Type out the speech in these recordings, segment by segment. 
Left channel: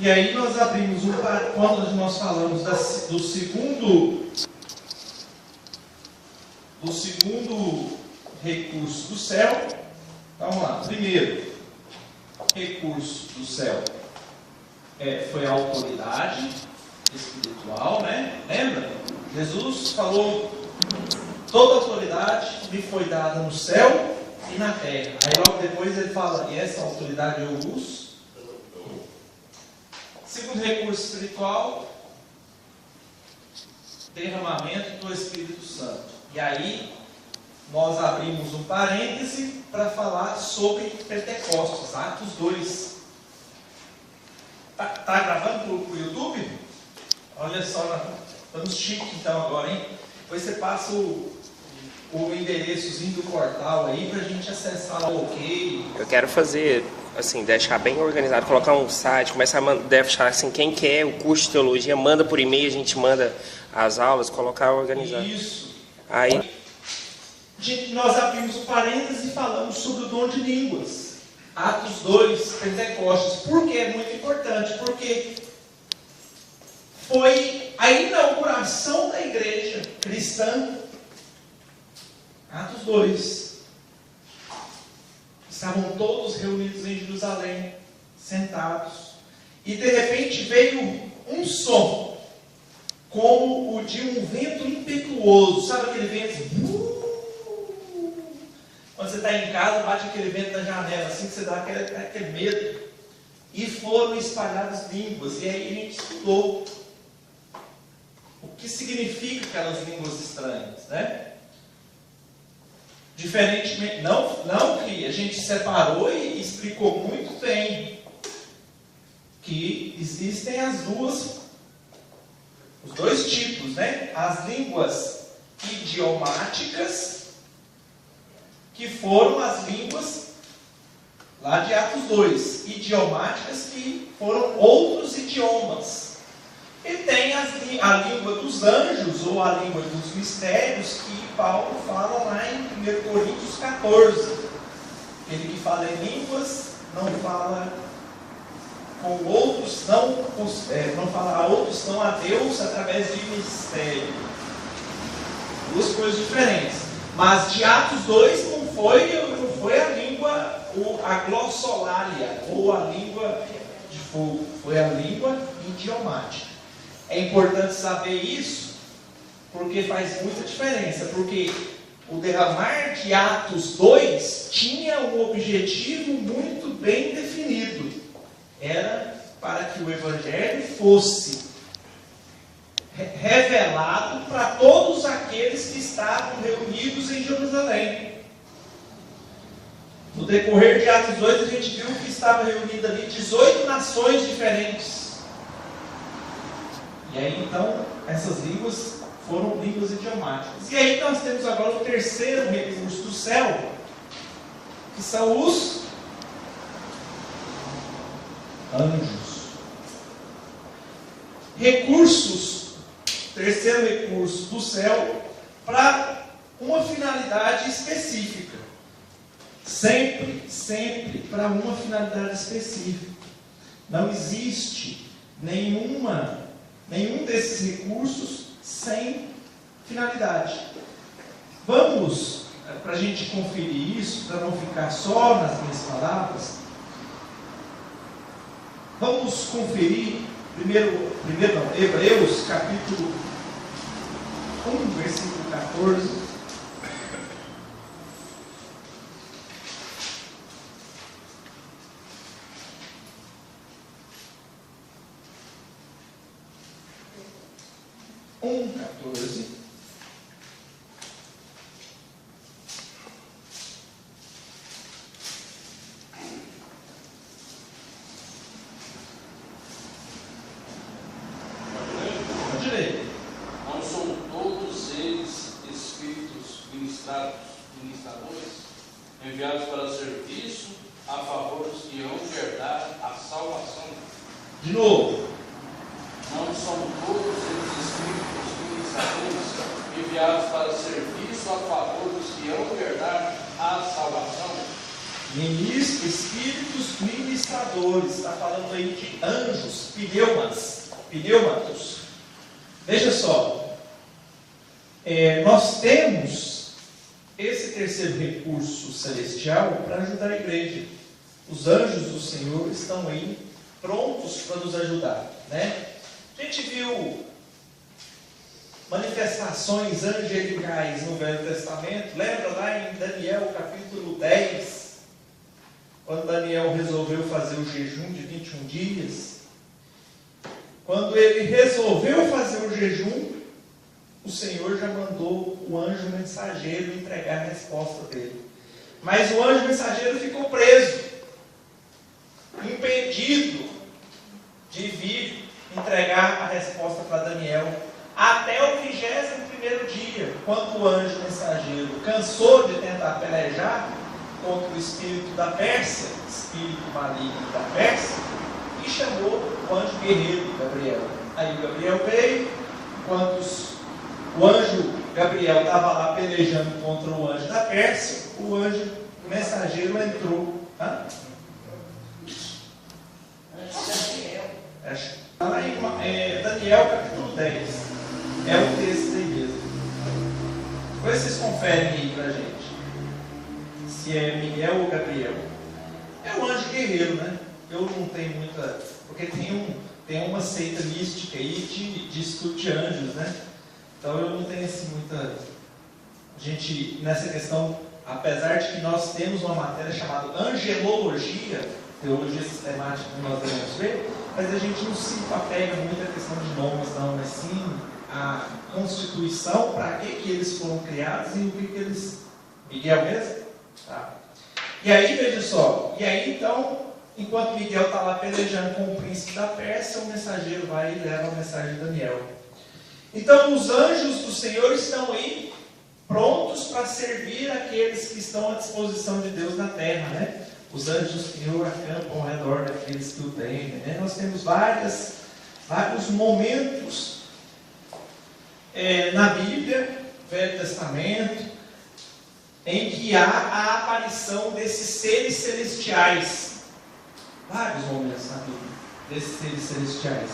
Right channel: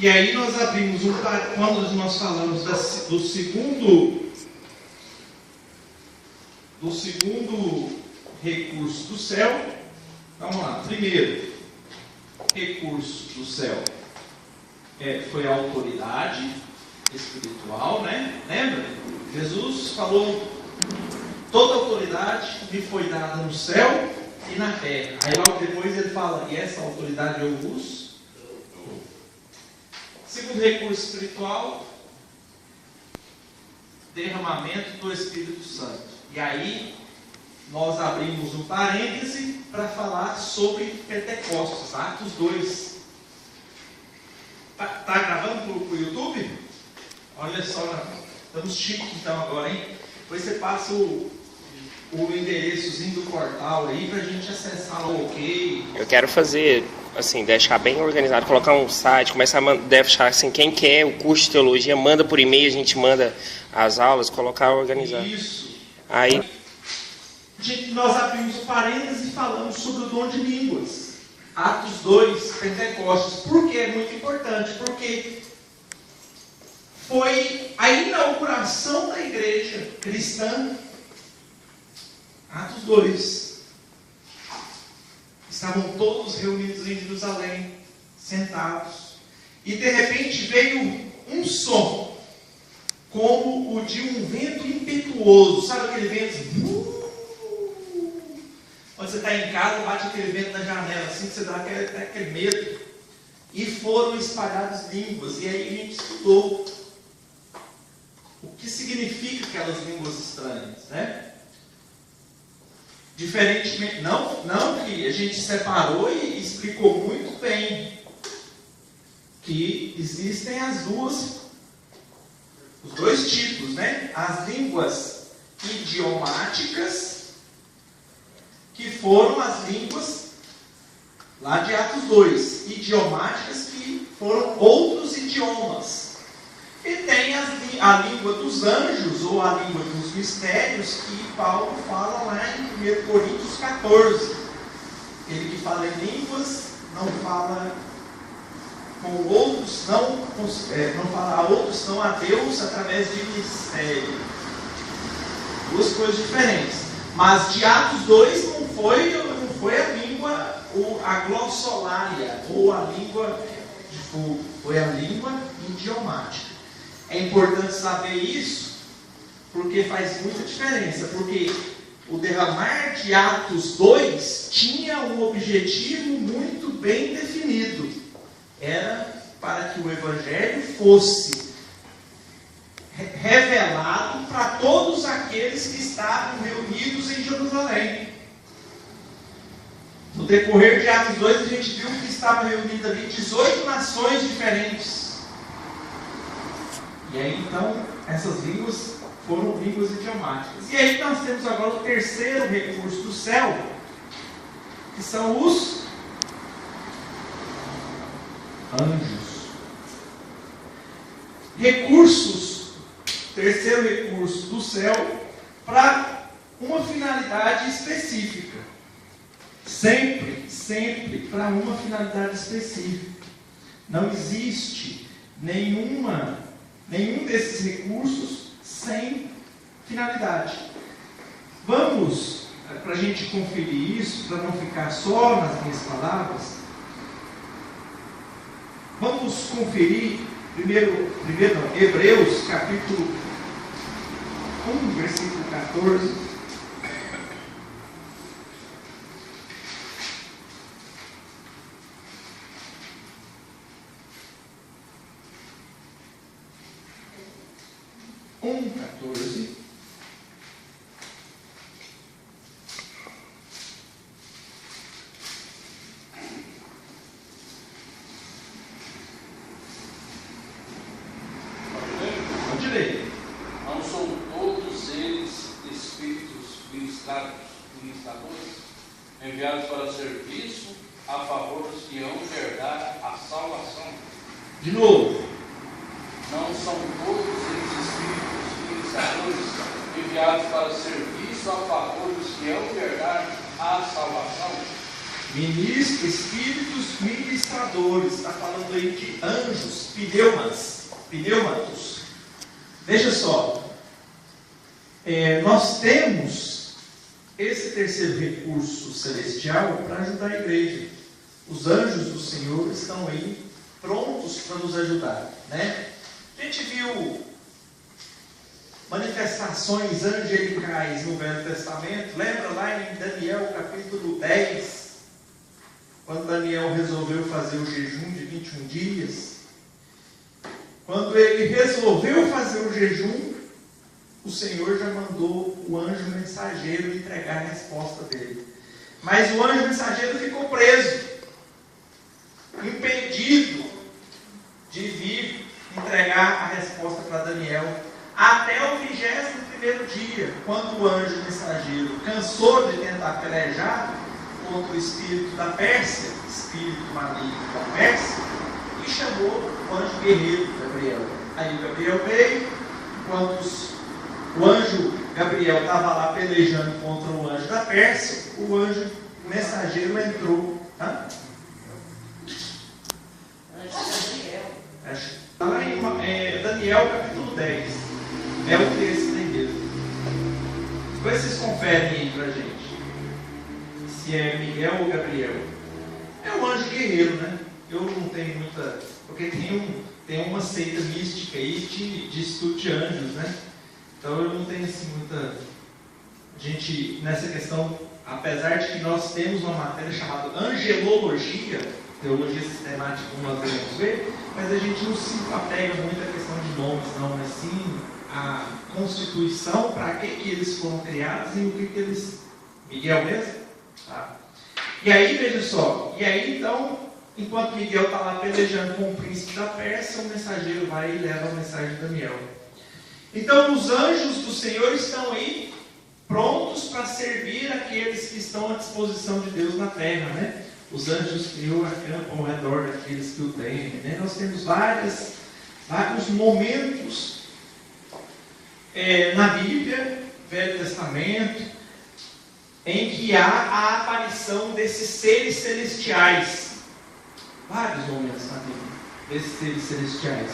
E aí nós abrimos quando nós falamos do segundo recurso do céu. Vamos lá. Primeiro recurso do céu foi a autoridade espiritual, né? Lembra? Jesus falou: toda autoridade me foi dada no céu e na terra. Aí logo depois ele fala: e essa autoridade eu vos. Segundo recurso espiritual, derramamento do Espírito Santo. E aí nós abrimos um parêntese para falar sobre Pentecostes, Atos 2. Tá gravando para o YouTube? Olha só, estamos chique então agora, hein? Depois você passa o endereçozinho do portal aí para a gente acessar o OK. Eu quero fazer, assim, deixar bem organizado, colocar um site, começar a deixar assim, quem quer o curso de teologia, manda por e-mail, a gente manda as aulas, colocar organizado. Isso. Aí nós abrimos um parênteses e falamos sobre o dom de línguas. Atos 2, Pentecostes. Por que é muito importante? Porque foi a inauguração da igreja cristã. Atos 2. Estavam todos reunidos em Jerusalém, sentados. E de repente veio um som, como o de um vento impetuoso. Sabe aquele vento? Quando você está em casa, bate aquele vento na janela, assim que você dá aquele medo. E foram espalhadas línguas. E aí a gente estudou o que significa aquelas línguas estranhas, né? Diferentemente, não que a gente separou e explicou muito bem que existem os dois tipos, né? As línguas idiomáticas, que foram as línguas lá de Atos 2, idiomáticas que foram outros idiomas. E tem a língua dos anjos, ou a língua dos mistérios, que Paulo fala lá em 1 Coríntios 14. Aquele que fala em línguas não fala com outros, não fala a outros, não a Deus através de mistério. Duas coisas diferentes. Mas de Atos 2 não foi a língua, a glossolalia, ou a língua de fogo. Foi a língua idiomática. É importante saber isso, porque faz muita diferença. Porque o derramar de Atos 2 tinha um objetivo muito bem definido. Era para que o Evangelho fosse revelado para todos aqueles que estavam reunidos em Jerusalém. No decorrer de Atos 2, a gente viu que estavam reunidas ali 18 nações diferentes. E aí então, essas línguas foram línguas idiomáticas. E aí nós temos agora o terceiro recurso do céu, que são os anjos. Terceiro recurso do céu, para uma finalidade específica. Sempre para uma finalidade específica. Não existe nenhum desses recursos sem finalidade. Vamos, para a gente conferir isso, para não ficar só nas minhas palavras, vamos conferir Hebreus capítulo 1, versículo 14. De novo. Não são todos os espíritos ministradores enviados para serviço a favor dos que hão verdade à salvação? Espíritos ministradores. Está falando aí de anjos, pneumatos. Veja só. Nós temos esse terceiro recurso celestial para ajudar a igreja. Os anjos do Senhor estão aí prontos para nos ajudar, né? A gente viu manifestações angelicais no Velho Testamento. Lembra lá em Daniel capítulo 10, quando Daniel resolveu fazer o jejum de 21 dias? Quando ele resolveu fazer o jejum, o Senhor já mandou o anjo mensageiro entregar a resposta dele. Mas o anjo mensageiro ficou preso, impedido de vir entregar a resposta para Daniel, até o 21º dia, quando o anjo mensageiro cansou de tentar pelejar contra o espírito da Pérsia, espírito maligno da Pérsia, e chamou o anjo guerreiro Gabriel. Aí o Gabriel veio, enquanto o anjo Gabriel estava lá pelejando contra o anjo da Pérsia, o anjo mensageiro entrou. Está lá em Daniel capítulo 10. É um texto aí mesmo. Depois vocês conferem aí pra gente se é Miguel ou Gabriel. É um anjo guerreiro, né? Eu não tenho muita... Porque tem uma seita mística aí de estudo de anjos, né? Então eu não tenho assim muita... A gente, nessa questão, apesar de que nós temos uma matéria chamada angelologia, teologia sistemática, como nós vamos ver, mas a gente não se apega muito à questão de nomes, não, mas sim a constituição, para que eles foram criados e o que eles... Miguel mesmo? Tá. E aí, veja só, então, enquanto Miguel está lá pelejando com o príncipe da Pérsia, o mensageiro vai e leva a mensagem de Daniel. Então, os anjos do Senhor estão aí, prontos para servir aqueles que estão à disposição de Deus na terra, né? Os anjos que o acampam ao redor daqueles que o temem, né? Nós temos vários momentos na Bíblia, Velho Testamento, em que há a aparição desses seres celestiais. Vários momentos na Bíblia, desses seres celestiais.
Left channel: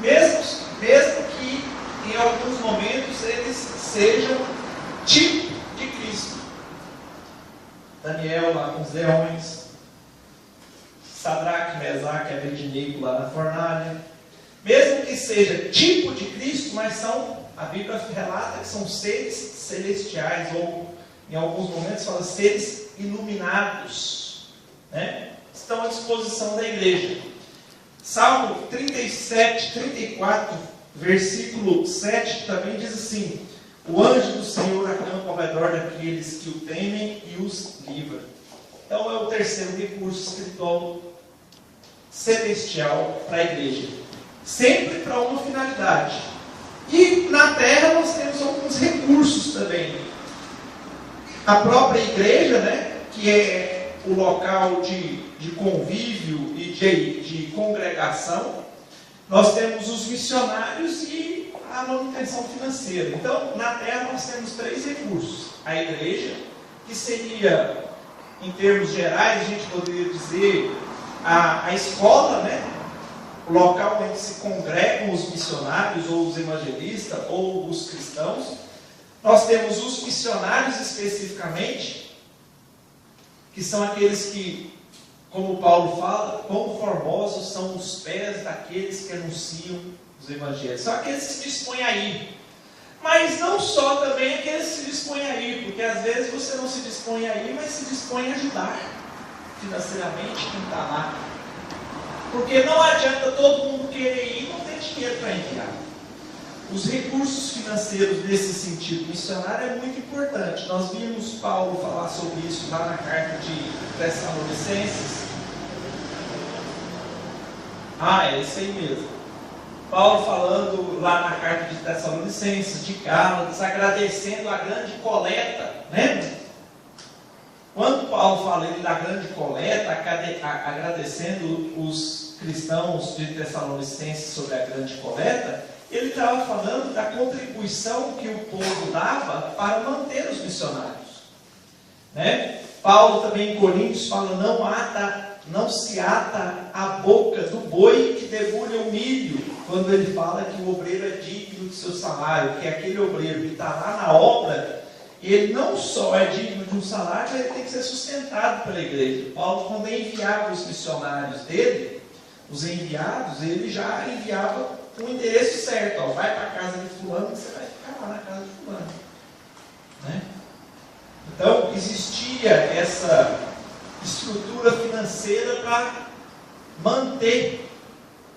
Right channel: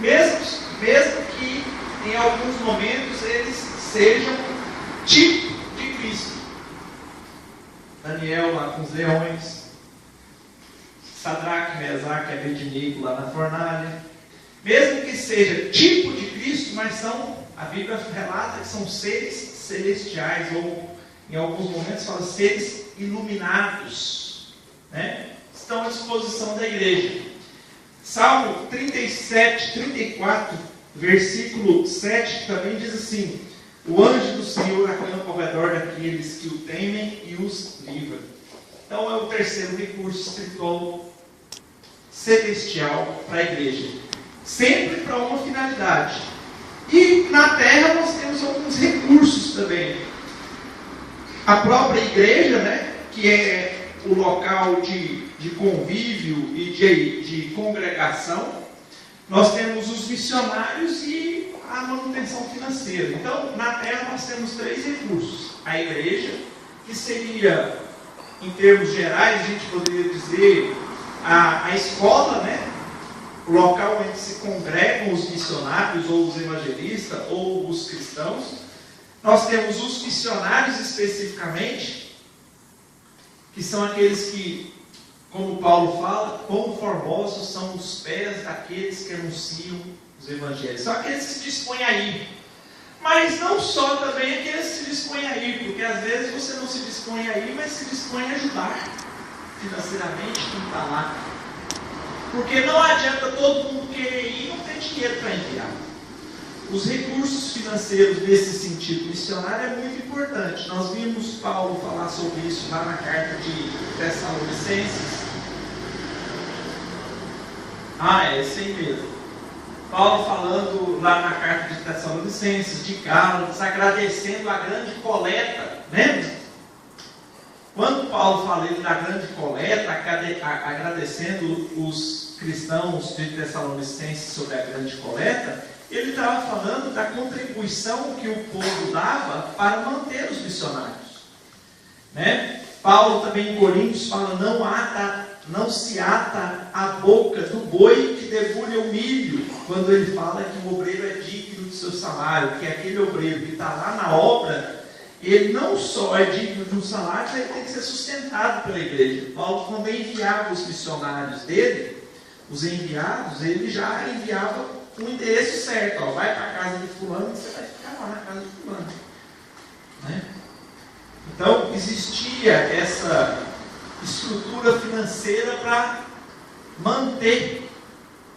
Mesmo que em alguns momentos eles sejam tipo de Cristo. Daniel lá com os leões, Sadraque, Mesaque e Abednego lá na fornalha. Mesmo que seja tipo de Cristo, mas a Bíblia relata que são seres celestiais, ou em alguns momentos fala seres iluminados, né? Estão à disposição da igreja. Salmo 37, 34, versículo 7 também diz assim: o anjo do Senhor acampa ao redor daqueles que o temem e os livra. Então é o terceiro recurso espiritual celestial para a igreja. Sempre para uma finalidade. E na terra nós temos alguns recursos também. A própria igreja, né, que é o local de convívio e de congregação. Nós temos os missionários e a manutenção financeira. Então, na terra nós temos três recursos. A igreja, que seria, em termos gerais, a gente poderia dizer, a escola, né? O local onde se congregam os missionários, ou os evangelistas, ou os cristãos. Nós temos os missionários especificamente, que são aqueles que, como Paulo fala, quão formosos são os pés daqueles que anunciam os evangelhos. São aqueles que se dispõem a ir. Mas não só também aqueles que se dispõem a ir, porque às vezes você não se dispõe a ir, mas se dispõe a ajudar financeiramente quem está lá. Porque não adianta todo mundo querer ir e não ter dinheiro para enviar. Os recursos financeiros nesse sentido missionário é muito importante. Nós vimos Paulo falar sobre isso lá na carta de Tessalonicenses. É esse aí mesmo. Paulo falando lá na carta de Tessalonicenses, de Gálatas, agradecendo a grande coleta, né? Quando Paulo fala da grande coleta, agradecendo os cristãos de Tessalonicenses sobre a grande coleta, ele estava falando da contribuição que o povo dava para manter os missionários, né? Paulo também em Coríntios fala, não se ata a boca do boi que debulha o milho, quando ele fala que o obreiro é digno do seu salário, que aquele obreiro que está lá na obra, ele não só é digno de um salário, mas ele tem que ser sustentado pela igreja. Paulo também enviava os missionários dele, os enviados, ele já enviava um endereço certo, ó, vai para a casa de fulano, que você vai ficar lá na casa de fulano. Né? Então, existia essa estrutura financeira para manter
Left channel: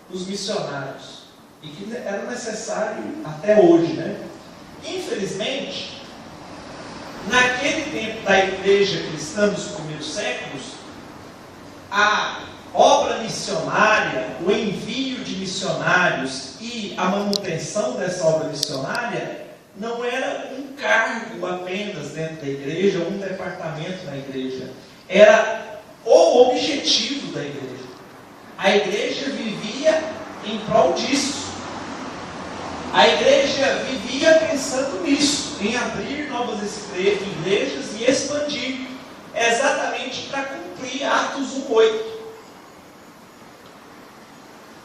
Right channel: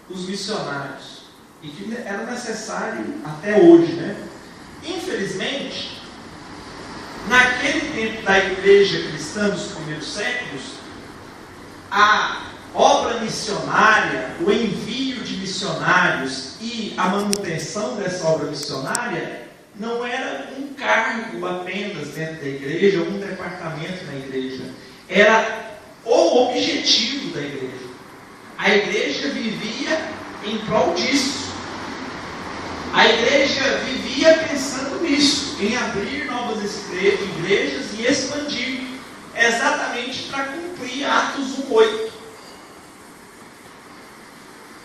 os missionários, e que era necessário até hoje. Né? Infelizmente, naquele tempo da igreja cristã dos primeiros séculos, a obra missionária, o envio de missionários e a manutenção dessa obra missionária não era um cargo apenas dentro da igreja, ou um departamento da igreja. Era o objetivo da igreja. A igreja vivia em prol disso. A igreja vivia pensando nisso, em abrir novas igrejas e expandir, exatamente para cumprir Atos 1:8.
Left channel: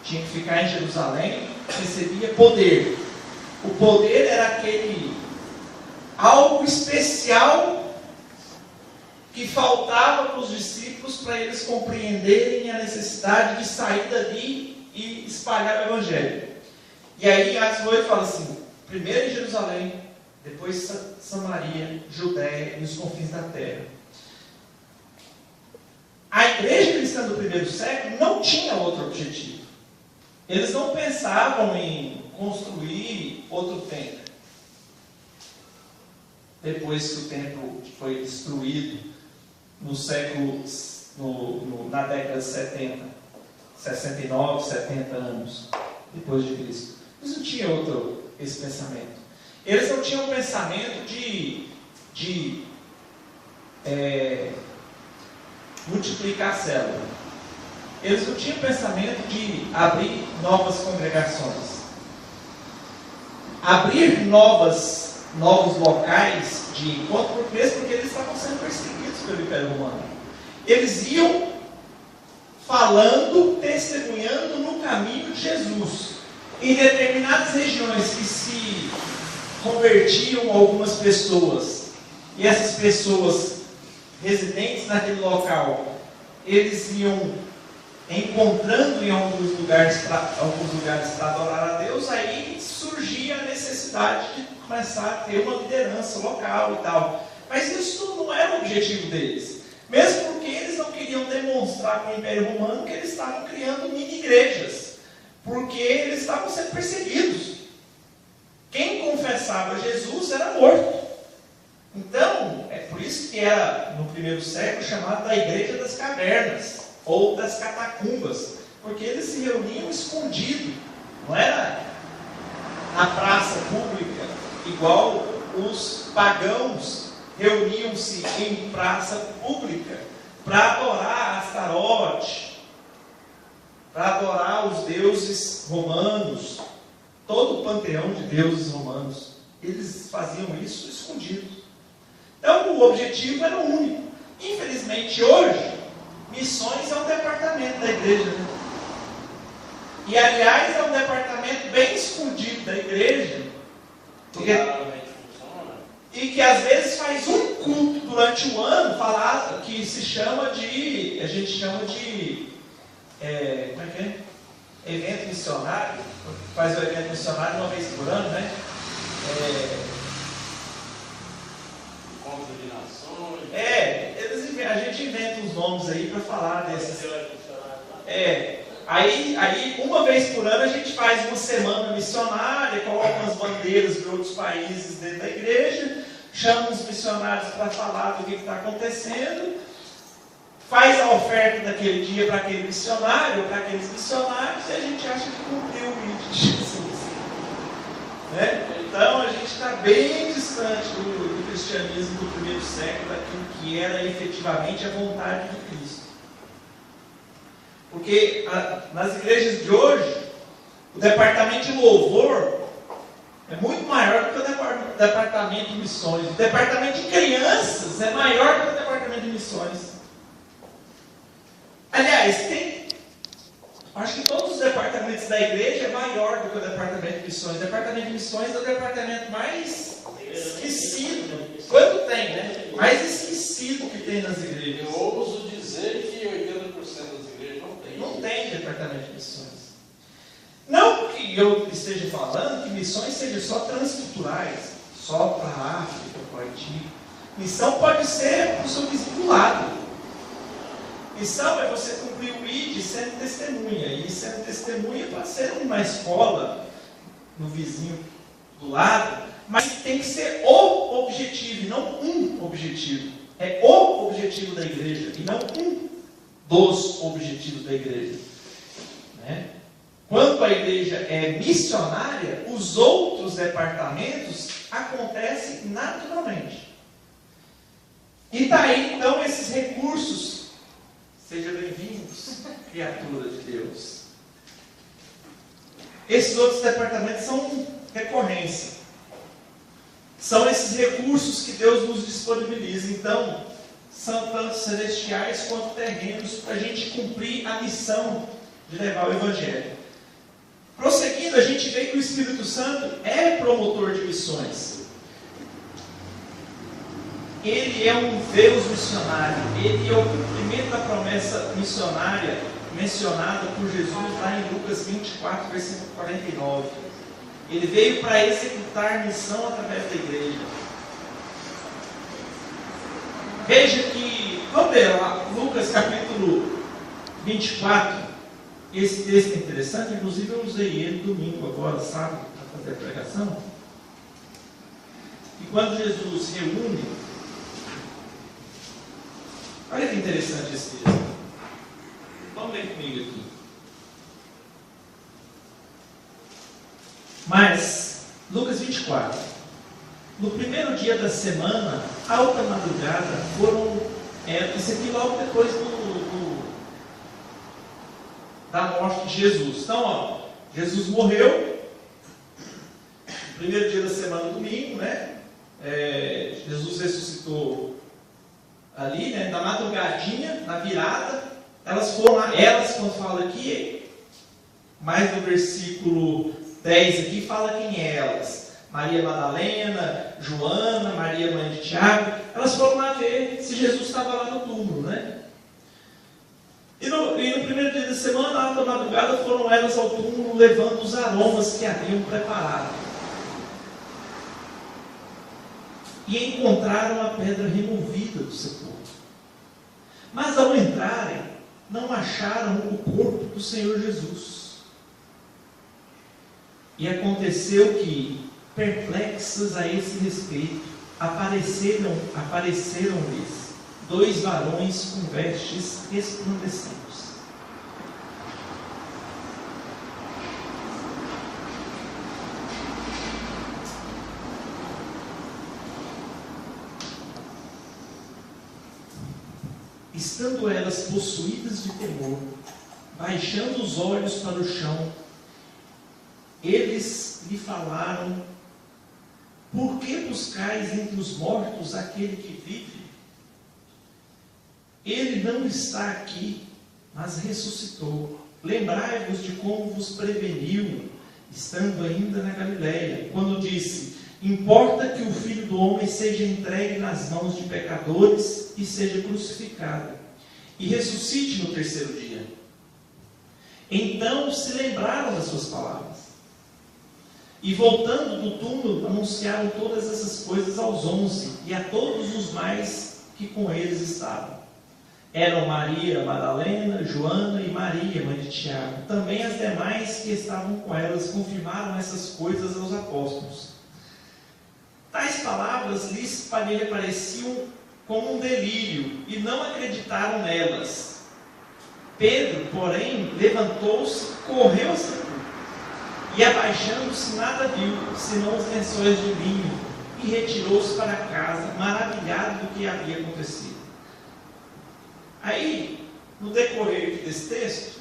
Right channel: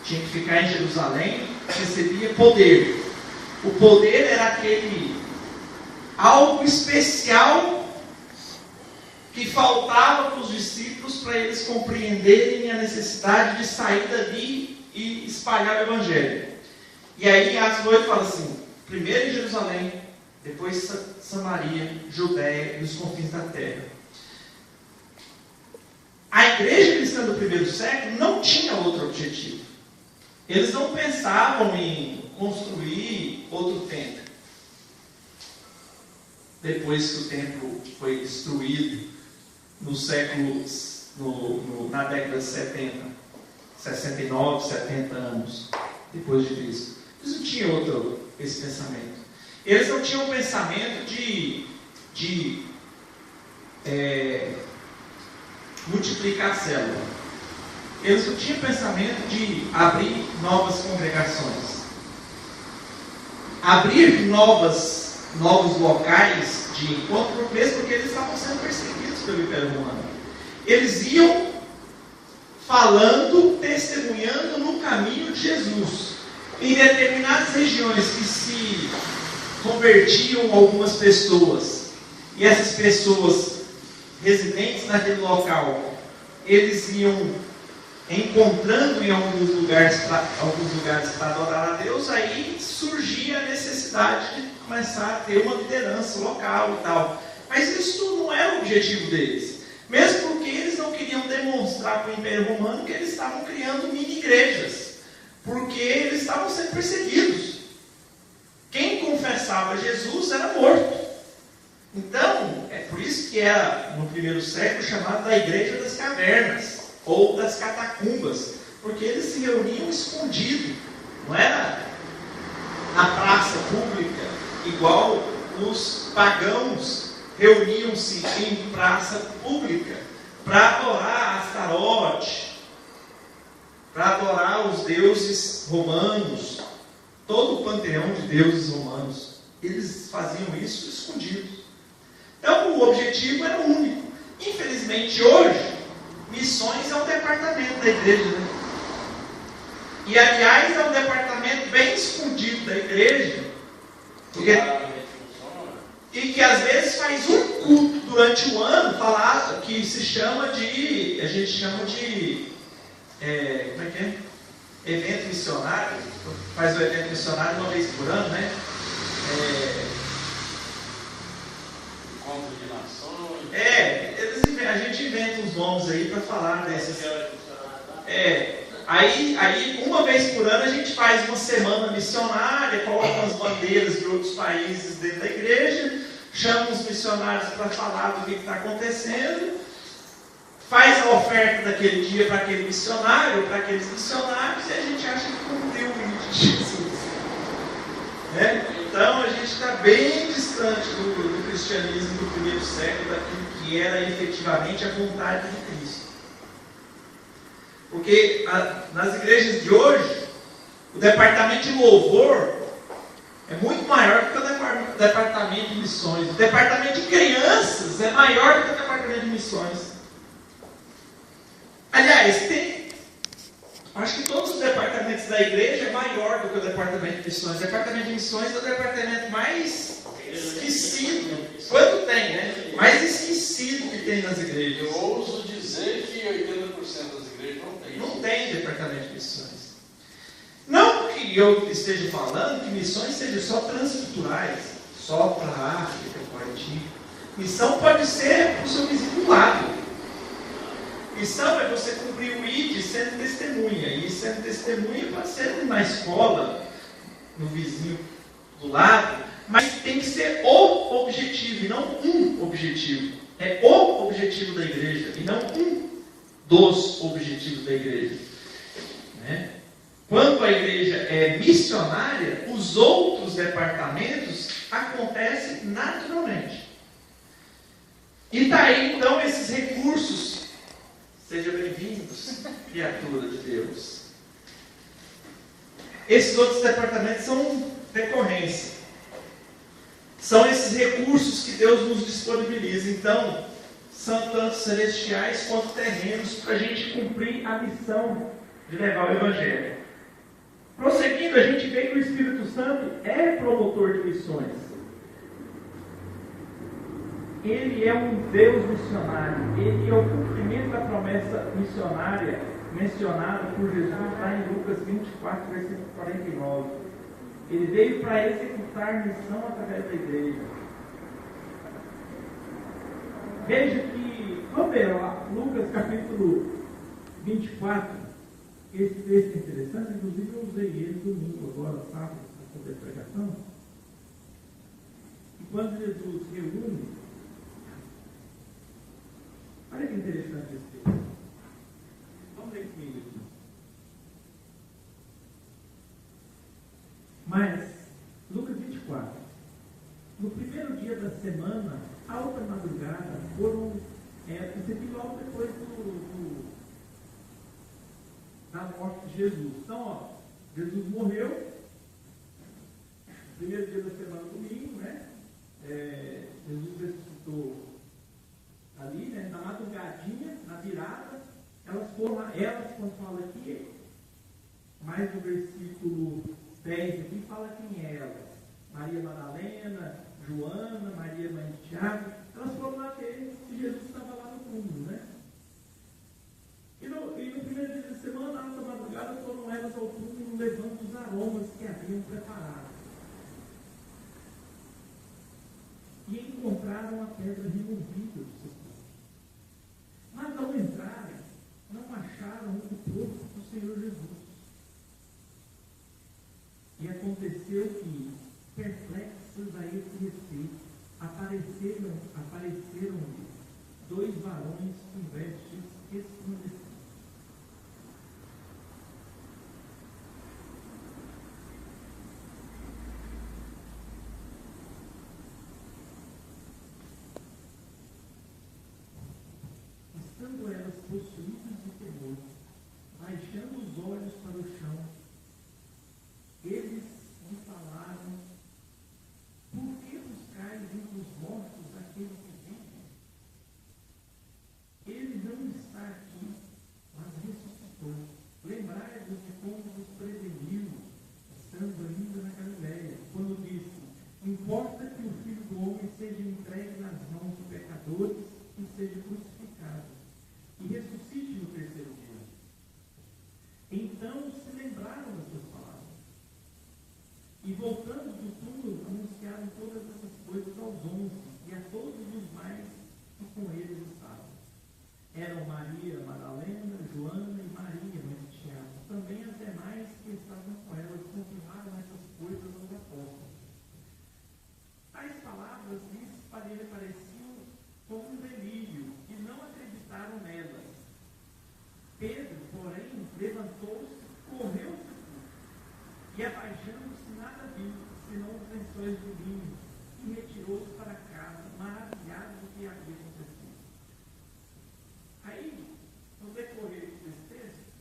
Tinha que ficar em Jerusalém, recebia poder. O poder era aquele algo especial que faltava para os discípulos para eles compreenderem a necessidade de sair dali e espalhar o Evangelho. E aí em Atos 8 fala assim, primeiro em Jerusalém, depois Samaria, Judéia e os confins da terra. A igreja cristã do primeiro século não tinha outro objetivo. Eles não pensavam em construir outro templo. Depois que o templo foi destruído no século, na década de 70, 69, 70 anos depois de Cristo. Eles não tinham esse pensamento. Eles não tinham o pensamento de multiplicar a célula. Eles não tinham o pensamento de abrir novas congregações. Abrir novos locais de encontro, mesmo porque eles estavam sendo perseguidos pelo Império Romano. Eles iam falando, testemunhando no caminho de Jesus. Em determinadas regiões que se convertiam algumas pessoas, e essas pessoas residentes naquele local, eles iam encontrando em alguns lugares para adorar a Deus, aí surgia a necessidade de começar a ter uma liderança local e tal. Mas isso não era o objetivo deles. Mesmo porque eles não queriam demonstrar para o Império Romano que eles estavam criando mini-igrejas. Porque eles estavam sendo perseguidos. Quem confessava Jesus era morto. Então, é por isso que era, no primeiro século, chamado da Igreja das Cavernas, ou das Catacumbas, porque eles se reuniam escondido. Não era na praça pública, igual os pagãos reuniam-se em praça pública para adorar Astarote, para adorar os deuses romanos, todo o panteão de deuses romanos. Eles faziam isso escondidos. Então o objetivo era único. Infelizmente hoje, missões é um departamento da igreja, né? E aliás é um departamento bem escondido da igreja, e que às vezes faz um culto durante o ano falado, que se chama de, a gente chama de como é que é? Evento missionário. Faz o evento missionário uma vez por ano, né? Encontro de nações. A gente inventa uns nomes aí para falar desses. Aí uma vez por ano a gente faz uma semana missionária, coloca as bandeiras de outros países dentro da igreja, chama os missionários para falar do que está acontecendo, faz a oferta daquele dia para aquele missionário, para aqueles missionários, e a gente acha que cumpriu o pedido de Jesus. Né? Então a gente está bem distante do cristianismo do primeiro século, daquilo que era efetivamente a vontade de Cristo. Porque nas igrejas de hoje, o departamento de louvor é muito maior do que o departamento de missões. O departamento de crianças é maior do que o departamento de missões. Aliás, acho que todos os departamentos da igreja é maior do que o departamento de missões. O departamento de missões é o departamento mais esquecido. Quanto tem, né? Mais esquecido que tem nas igrejas. Eu ouso dizer que 80% das igrejas não tem. Não tem departamento de missões. Não que eu esteja falando que missões sejam só transculturais, só para a África, para o Haiti. Missão pode ser para o seu vizinho do lado. Missão é você cumprir o ID sendo testemunha. E sendo testemunha pode ser na escola, no vizinho do lado, mas tem que ser o objetivo, e não um objetivo. É o objetivo da igreja, e não um dos objetivos da igreja. Né? Quando a igreja é missionária, os outros departamentos acontecem naturalmente. E daí, então, esses recursos. Seja bem-vindos, criatura de Deus. Esses outros departamentos são decorrência. São esses recursos que Deus nos disponibiliza. Então, são tanto celestiais quanto terrenos para a gente cumprir a missão de levar o Evangelho. Prosseguindo, a gente vê que o Espírito Santo é promotor de missões. Ele é um Deus missionário. Ele é o cumprimento da promessa missionária mencionada por Jesus lá em Lucas 24, versículo 49. Ele veio para executar missão através da igreja. Veja que, vamos ler lá, Lucas capítulo 24. Esse texto é interessante, inclusive eu usei ele domingo agora, sábado, para fazer a pregação. E quando Jesus reúne, olha que interessante esse texto. Vamos ler comigo aqui. Mas, Lucas 24. No primeiro dia da semana, alta madrugada, foram. Isso aqui logo depois da morte de Jesus. Então, ó, Jesus morreu. Primeiro dia da semana, domingo, né? Jesus ressuscitou ali, né? Na madrugadinha, na virada. Elas foram lá, quando fala aqui, mais no versículo 10 aqui, fala quem é elas. Maria Madalena, Joana, Maria mãe de Tiago. Elas foram lá ver se Jesus estava lá no túmulo, né? E no primeiro dia da semana, na alta madrugada, foram elas ao túmulo levando os aromas que haviam preparado. E encontraram a pedra removida do sepulcro. Mas ao entrarem, não acharam o corpo do Senhor Jesus. E aconteceu que, perplexas a esse respeito, apareceram-lhes 2 varões com vestes resplandecentes. Estando elas possuídas de temor, baixando os olhos para o chão, eles lhe falaram: por que buscais entre os mortos aquele que vive? Ele não está aqui, mas ressuscitou. Lembrai-vos de como vos preveniu, estando ainda na Galileia, quando disse: importa que o Filho do Homem seja entregue nas mãos de pecadores e seja crucificado, e ressuscite no terceiro dia. Então se lembraram das suas palavras, e voltando do túmulo, anunciaram todas essas coisas aos 11 e a todos os mais que com eles estavam. Eram Maria Madalena, Joana e Maria, mãe de Tiago. Também as demais que estavam com elas confirmaram essas coisas aos apóstolos. Tais palavras lhes pareciam como um delírio, e não acreditaram nelas. Pedro, porém, levantou-se, correu ao sepulcro, e abaixando-se nada viu, senão os lençóis de linho, e retirou-se para casa, maravilhado do que havia acontecido. Aí, no decorrer desse texto,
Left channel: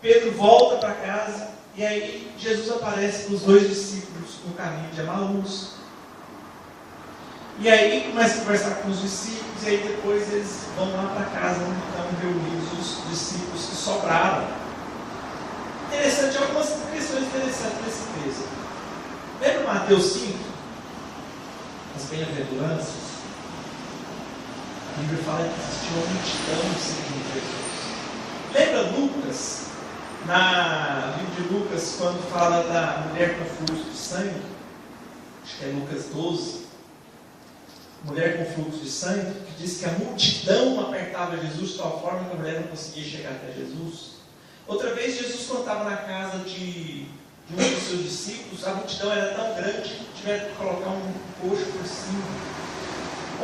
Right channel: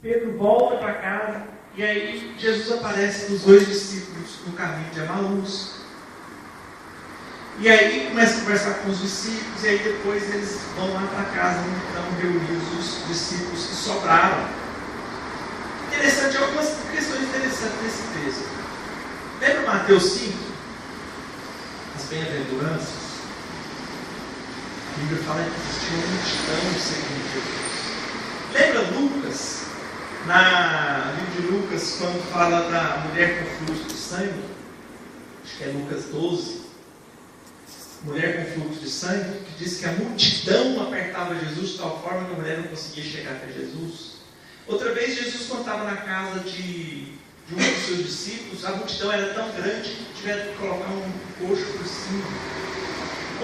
Pedro volta para casa, e aí Jesus aparece para os 2 discípulos no caminho de Emaús. E aí começa a conversar com os discípulos, e aí depois eles vão lá para casa, onde estão reunidos os discípulos que sobraram. Interessante, algumas questões interessantes nesse texto. Lembra Mateus 5? As bem-aventuranças? A Bíblia fala que existia uma multidão seguindo Jesus. Lembra Lucas? No livro de Lucas, quando fala da mulher com fluxo de sangue, acho que é Lucas 12, mulher com fluxo de sangue, que diz que a multidão apertava Jesus de tal forma que a mulher não conseguia chegar até Jesus. Outra vez, Jesus, quando estava na casa de um dos seus discípulos, a multidão era tão grande que tiveram que colocar um coxo por cima.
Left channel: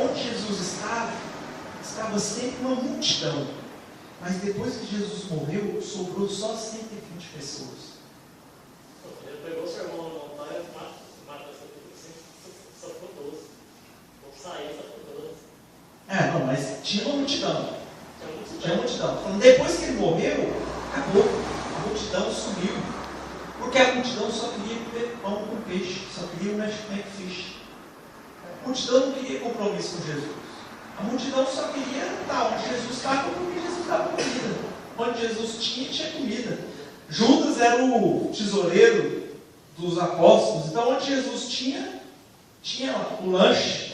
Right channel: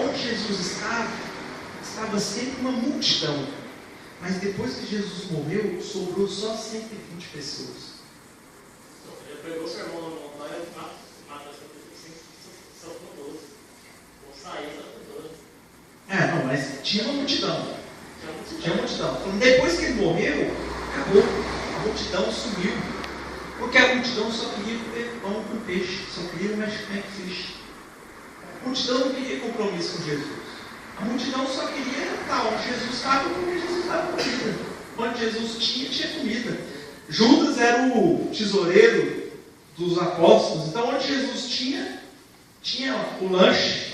Onde Jesus estava sempre uma multidão. Mas depois que Jesus morreu, sobrou só 120 pessoas. Ele pegou o sermão, não é mata são por 12. Vão sair, são por 12. Não, mas tinha uma multidão. Tinha uma multidão. Então, depois que ele morreu, acabou. A multidão sumiu. Porque a multidão só queria comer pão com peixe. Só queria o mac fish. A multidão não queria compromisso com Jesus. A multidão só queria estar onde Jesus estava, porque Jesus dava comida. Onde Jesus tinha comida. Judas era o tesoureiro dos apóstolos. Então, onde Jesus tinha o lanche.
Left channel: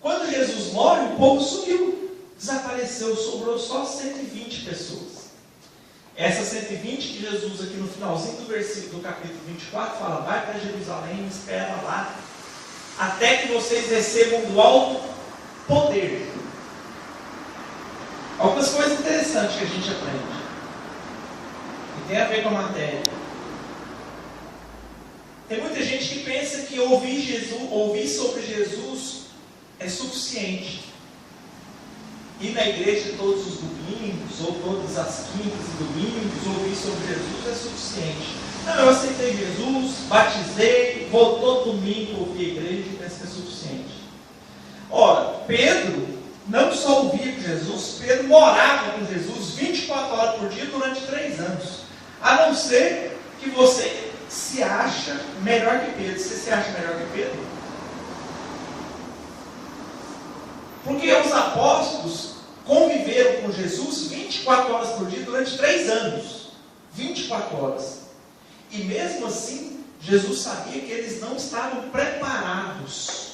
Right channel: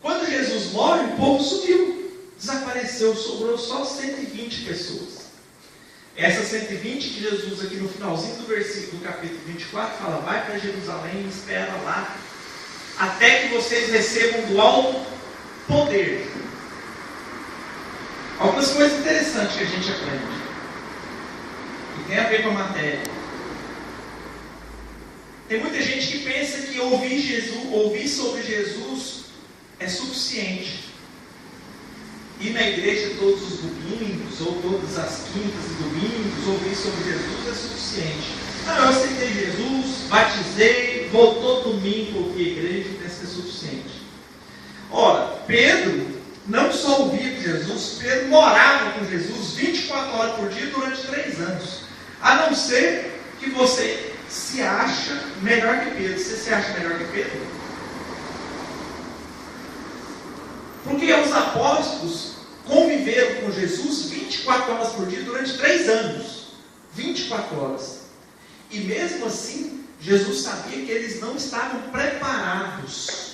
Quando Jesus morre, o povo sumiu. Desapareceu, sobrou só 120 pessoas. Essas 120 que Jesus, aqui no finalzinho do versículo, do capítulo 24, fala: vai para Jerusalém e espera lá, até que vocês recebam do alto poder. Algumas coisas interessantes que a gente aprende, que tem a ver com a matéria. Tem muita gente que pensa que ouvir sobre Jesus é suficiente. Ir na igreja todos os domingos, ou todas as quintas e domingos, ouvir sobre Jesus é suficiente. Não, eu aceitei Jesus, batizei, vou todo domingo ouvir a igreja, penso que é suficiente. Ora, Pedro não só ouvia com Jesus, Pedro morava com Jesus 24 horas por dia durante 3 anos. A não ser que você se acha melhor que Pedro. Você se acha melhor que Pedro? Porque os apóstolos conviveram com Jesus 24 horas por dia durante 3 anos. 24 horas. E mesmo assim, Jesus sabia que eles não estavam preparados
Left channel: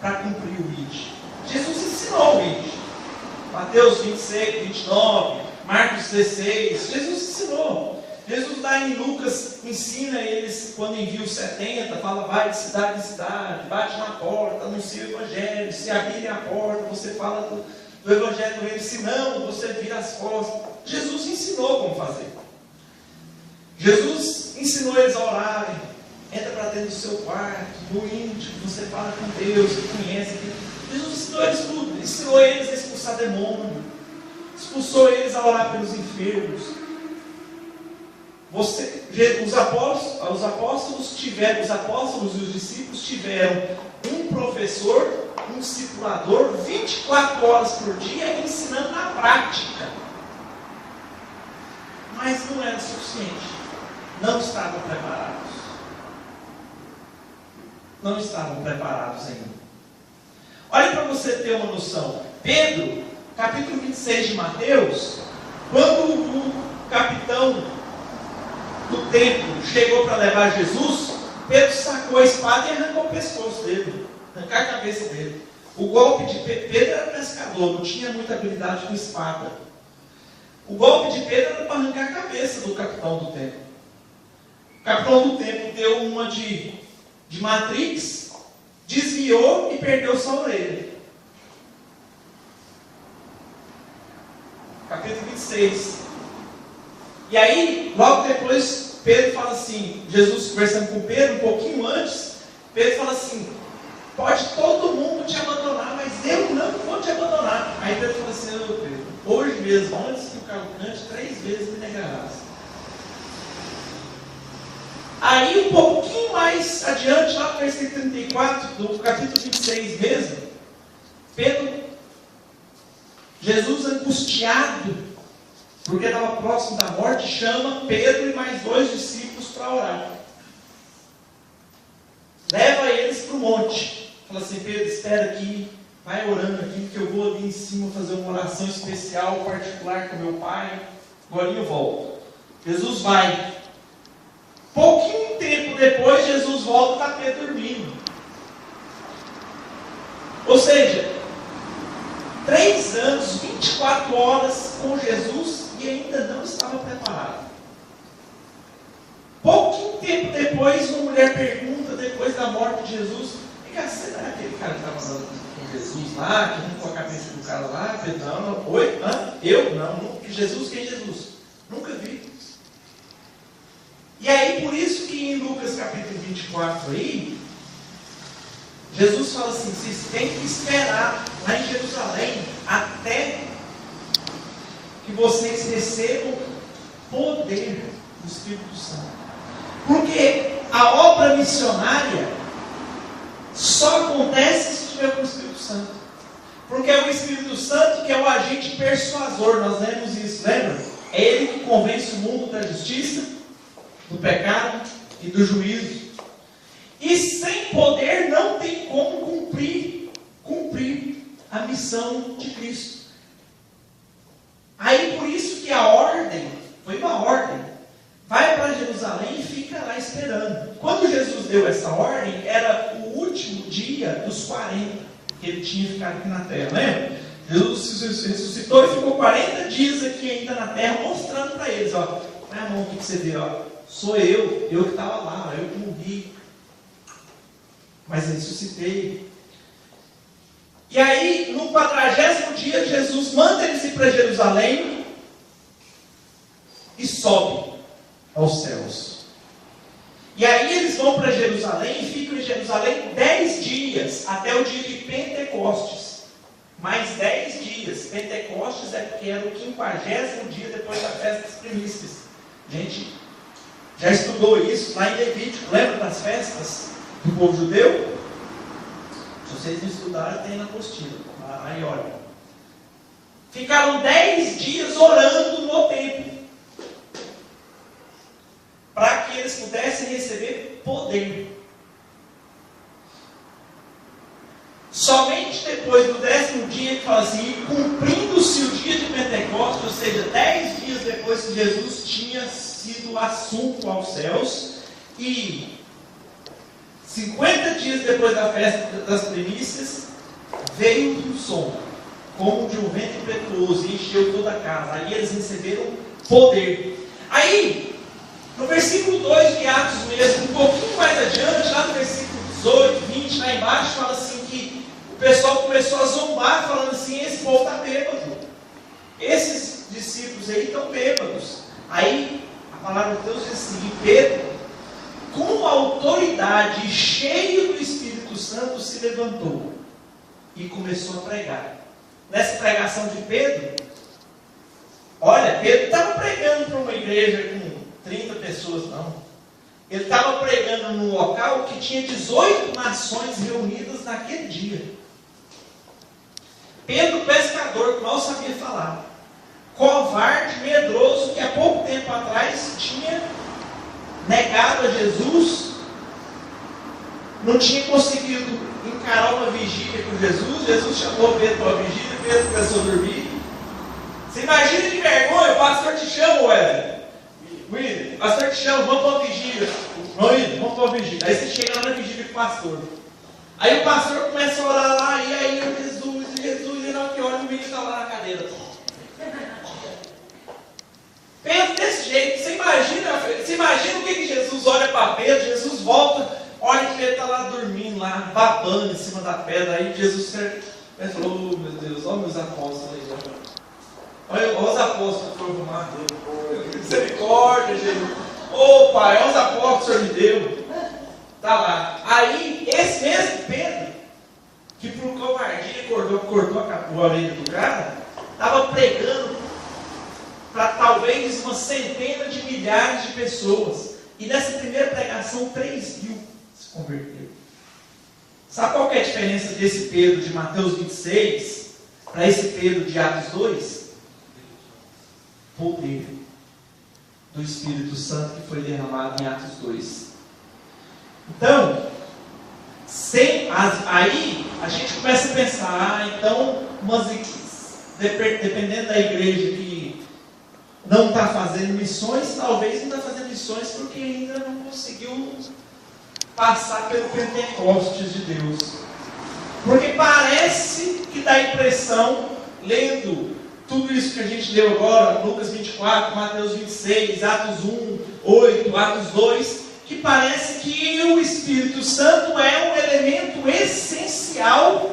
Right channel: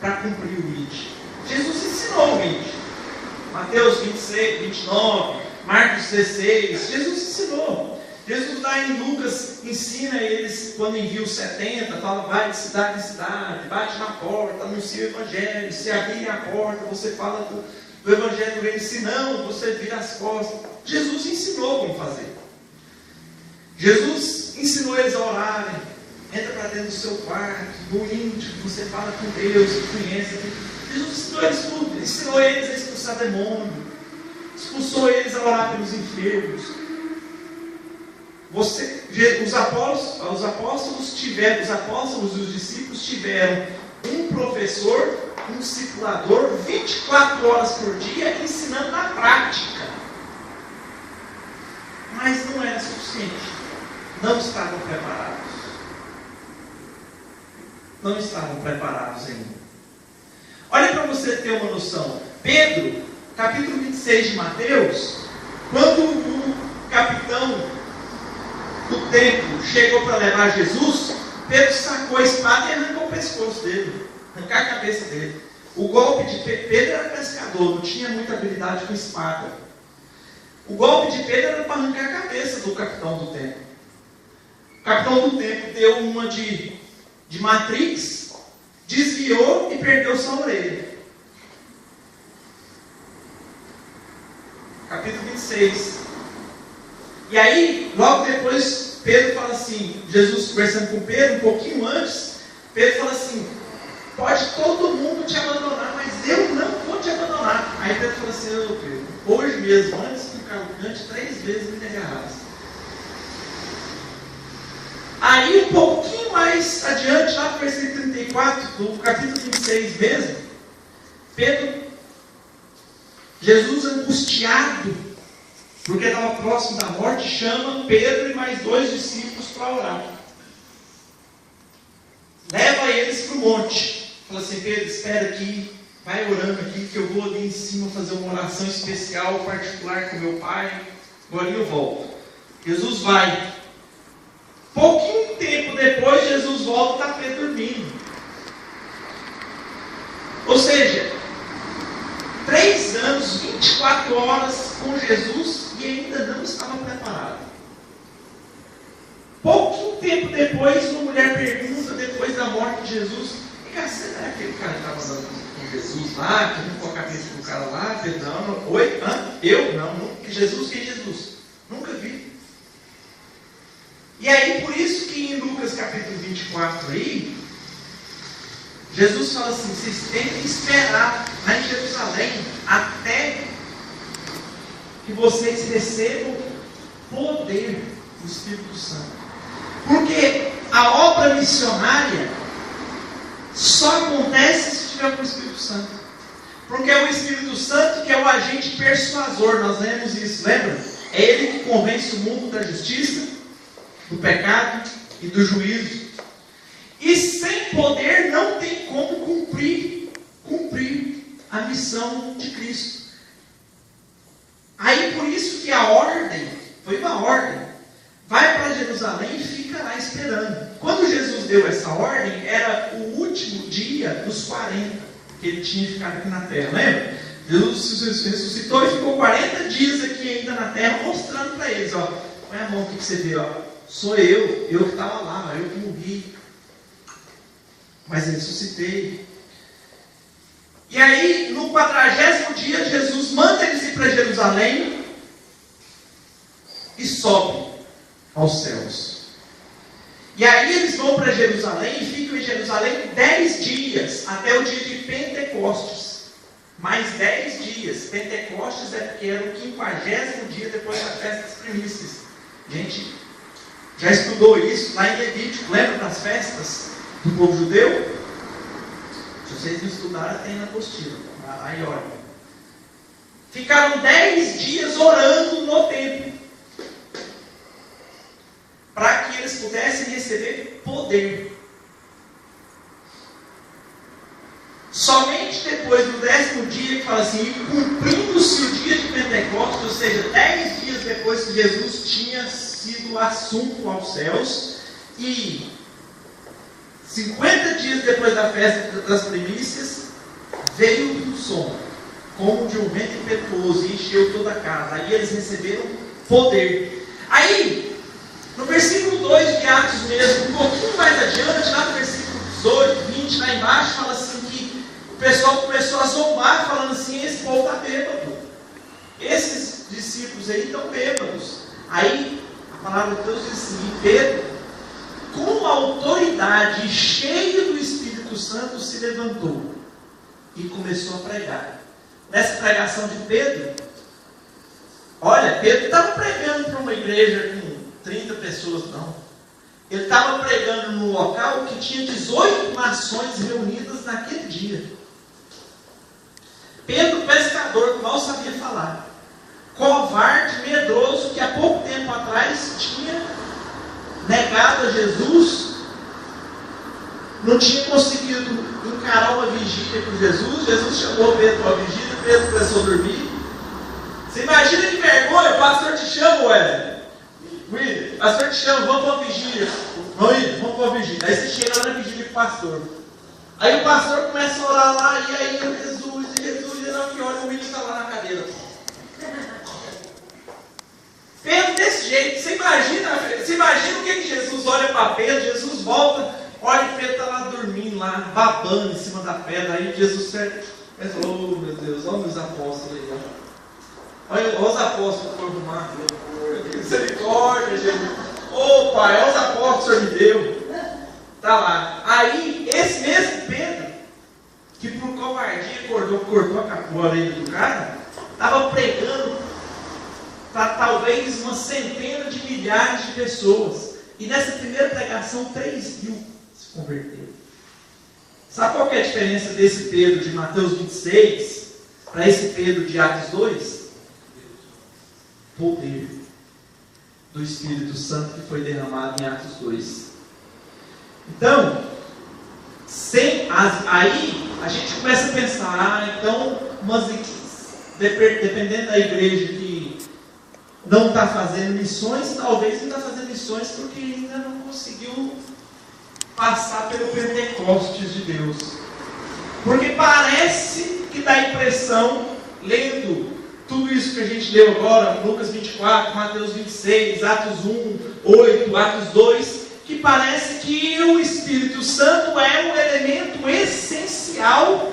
para cumprir o ID. Jesus ensinou o ID. Mateus 26, 29, Marcos 16. Jesus ensinou. Jesus lá em Lucas ensina eles, quando envia os 70, fala: vai de cidade em cidade, bate na porta, anuncia o evangelho, se abrirem a porta, você fala do evangelho deles, se não, você vira as costas. Jesus ensinou como fazer. Jesus ensinou eles a orarem. Entra para dentro do seu quarto, no íntimo, você fala com Deus, você conhece. Jesus ensinou eles tudo. Ensinou eles a expulsar demônio. Expulsou eles a orar pelos enfermos. Os apóstolos e os discípulos tiveram um professor, um discipulador, 24 horas por dia, ensinando na prática. Mas não era suficiente. Não estavam preparados. Não estavam preparados ainda. Olha para você ter uma noção. Pedro, capítulo 26 de Mateus, quando o capitão do templo chegou para levar Jesus, Pedro sacou a espada e arrancou o pescoço dele, arrancar a cabeça dele. O golpe de Pedro era pescador, não tinha muita habilidade com espada. O golpe de Pedro era para arrancar a cabeça do capitão do templo. O capitão do templo deu uma de Matrix, desviou e perdeu sua orelha. Capítulo 26. E aí, logo depois, Pedro fala assim, Jesus conversando com Pedro, um pouquinho antes, Pedro fala assim: pode todo mundo te abandonar, mas eu não vou te abandonar. Aí Pedro fala assim: Pedro, hoje mesmo, antes do calcante, 3 vezes me negarás. Aí, um pouquinho mais adiante, lá no versículo 34, do capítulo 26 mesmo, Jesus angustiado, porque estava próximo da morte, chama Pedro e mais 2 discípulos para orar. Leva eles para o monte. Fala assim, Pedro, espera aqui, vai orando aqui, que eu vou ali em cima fazer uma oração especial, particular com meu pai. Agora eu volto. Jesus vai. Pouquinho tempo depois, Jesus volta e está Pedro dormindo. Ou seja, 3 anos, 24 horas com Jesus e ainda não estava preparado. Pouquinho tempo depois, uma mulher pergunta, depois da morte de Jesus, você não era aquele cara que estava andando com Jesus lá, que limpou a cabeça do cara lá? Pedro, não. Oi? Eu? Não. Nunca. Jesus? Quem é Jesus? Nunca vi. E aí, por isso que em Lucas capítulo 24 aí, Jesus fala assim, vocês têm que esperar lá em Jerusalém até que vocês recebam poder do Espírito Santo. Porque a obra missionária só acontece se tiver com o Espírito Santo. Porque é o Espírito Santo que é o agente persuasor, nós lemos isso, lembra? É ele que convence o mundo da justiça, do pecado e do juízo. E sem poder não tem como cumprir a missão de Cristo. Aí por isso que a ordem, foi uma ordem, vai para Jerusalém e fica lá esperando. Quando Jesus deu essa ordem, era o último dia dos 40, que ele tinha ficado aqui na terra, lembra? Jesus ressuscitou e ficou 40 dias aqui ainda na terra, mostrando para eles, ó, põe a mão aqui que você vê, ó, sou eu que estava lá, eu que morri, mas eu ressuscitei. E aí, no 40º dia, Jesus manda eles ir para Jerusalém e sobe aos céus. E aí eles vão para Jerusalém e ficam em Jerusalém 10 dias, até o dia de Pentecostes. Mais 10 dias. Pentecostes é porque era o 50º dia depois da festa das primícias. Gente, já estudou isso lá em Levítico, lembra das festas do povo judeu? Se vocês não estudaram, tem na apostila. Aí olha. Ficaram 10 dias orando no templo, para que eles pudessem receber poder. Somente depois do 10º dia, que fala assim, cumprindo-se o dia de Pentecostes, ou seja, 10 dias depois que Jesus tinha sido assunto aos céus, e 50 dias depois da festa das primícias, veio um som, como de um vento impetuoso, e encheu toda a casa. Aí eles receberam poder. Aí, no versículo 2 de Atos mesmo, um pouquinho mais adiante, lá no versículo 18, 20, lá embaixo, fala assim que o pessoal começou a zombar, falando assim, esse povo está bêbado. Esses discípulos aí estão bêbados. Aí, a palavra de Deus diz assim, Pedro, com autoridade, cheio do Espírito Santo, se levantou e começou a pregar. Nessa pregação de Pedro, olha, Pedro estava pregando para uma igreja com 30 pessoas, não. Ele estava pregando num local que tinha 18 nações reunidas naquele dia. Pedro, pescador, que mal sabia falar, covarde, medroso, que há pouco tempo atrás tinha negado a Jesus, não tinha conseguido encarar uma vigília com Jesus. Jesus chamou Pedro para uma vigília, Pedro começou a dormir. Você imagina que vergonha, o pastor te chama, ué. O pastor te chama, vamos para uma vigília. Vamos para uma vigília. Aí você chega lá na vigília com o pastor. Aí o pastor começa a orar lá, e aí Jesus, e não que olha, o menino está lá na cadeira. Pedro desse jeito, você imagina o que Jesus olha para Pedro, Jesus volta, olha que Pedro está lá dormindo, lá, babando em cima da pedra, aí Jesus pensa, oh meu Deus, olha meus apóstolos aí, olha os apóstolos que foram arrumar, misericórdia, Jesus, ô pai, olha os apóstolos que o Senhor me deu, está lá. Aí, esse mesmo Pedro, que por covardia cortou a orelha do cara, estava pregando para talvez uma centena de milhares de pessoas. E nessa primeira pregação, 3.000 se converteram. Sabe qual que é a diferença desse Pedro de Mateus 26 para esse Pedro de Atos 2? Poder do Espírito Santo que foi derramado em Atos 2. Então, Aí a gente começa a pensar, então, mas dependendo da igreja que não está fazendo missões, talvez não está fazendo missões porque ainda não conseguiu passar pelo Pentecostes de Deus. Porque parece que dá a impressão, lendo tudo isso que a gente leu agora, Lucas 24, Mateus 26, Atos 1, 8, Atos 2, que parece que o Espírito Santo é um elemento essencial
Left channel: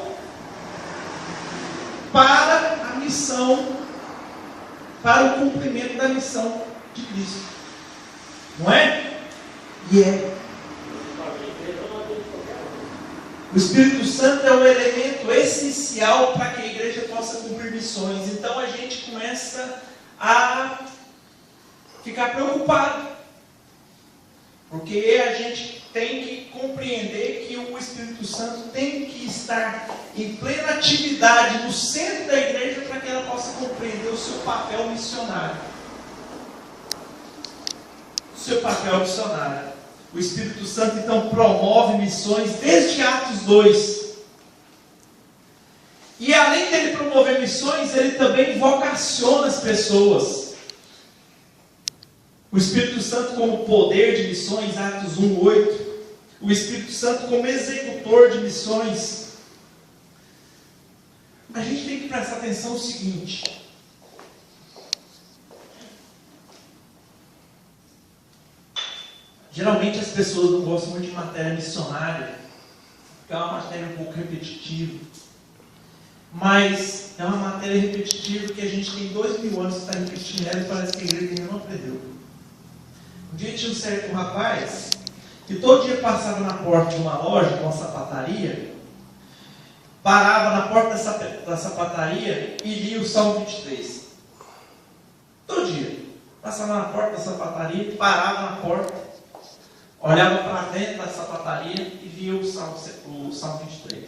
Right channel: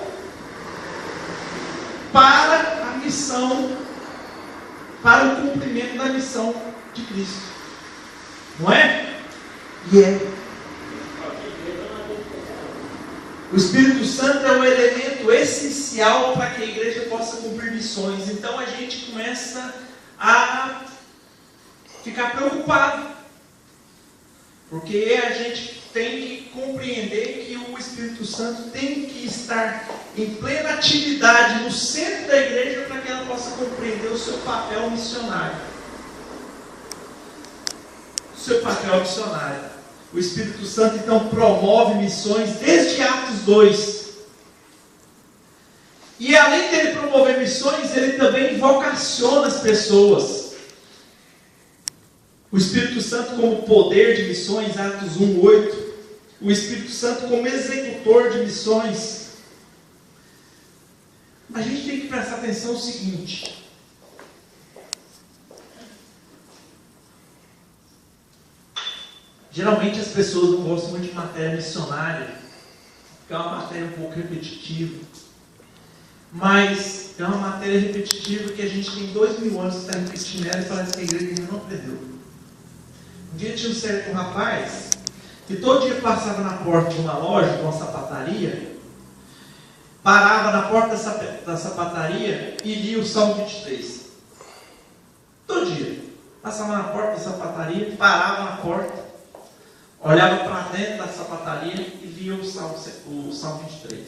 para a missão, para o cumprimento da missão de Cristo. Não é? E é. O Espírito Santo é um elemento essencial para que a igreja possa cumprir missões. Então a gente começa a ficar preocupado. Porque a gente tem que compreender que o Espírito Santo tem que estar em plena atividade no centro da igreja para que ela possa compreender o seu papel missionário. O seu papel missionário. O Espírito Santo então promove missões desde Atos 2. E além dele promover missões, ele também vocaciona as pessoas. O Espírito Santo como poder de missões, Atos 1, 8. O Espírito Santo como executor de missões. A gente tem que prestar atenção no seguinte. Geralmente as pessoas não gostam muito de matéria missionária, porque é uma matéria um pouco repetitiva. Mas é uma matéria repetitiva que a gente tem 2000 anos que está repetindo ela e parece que a igreja ainda não aprendeu. Um dia tinha um certo rapaz que todo dia passava na porta de uma loja, de uma sapataria, parava na porta da sapataria e lia o Salmo 23. Todo dia. Passava na porta da sapataria, parava na porta, olhava para dentro da sapataria e lia o Salmo 23.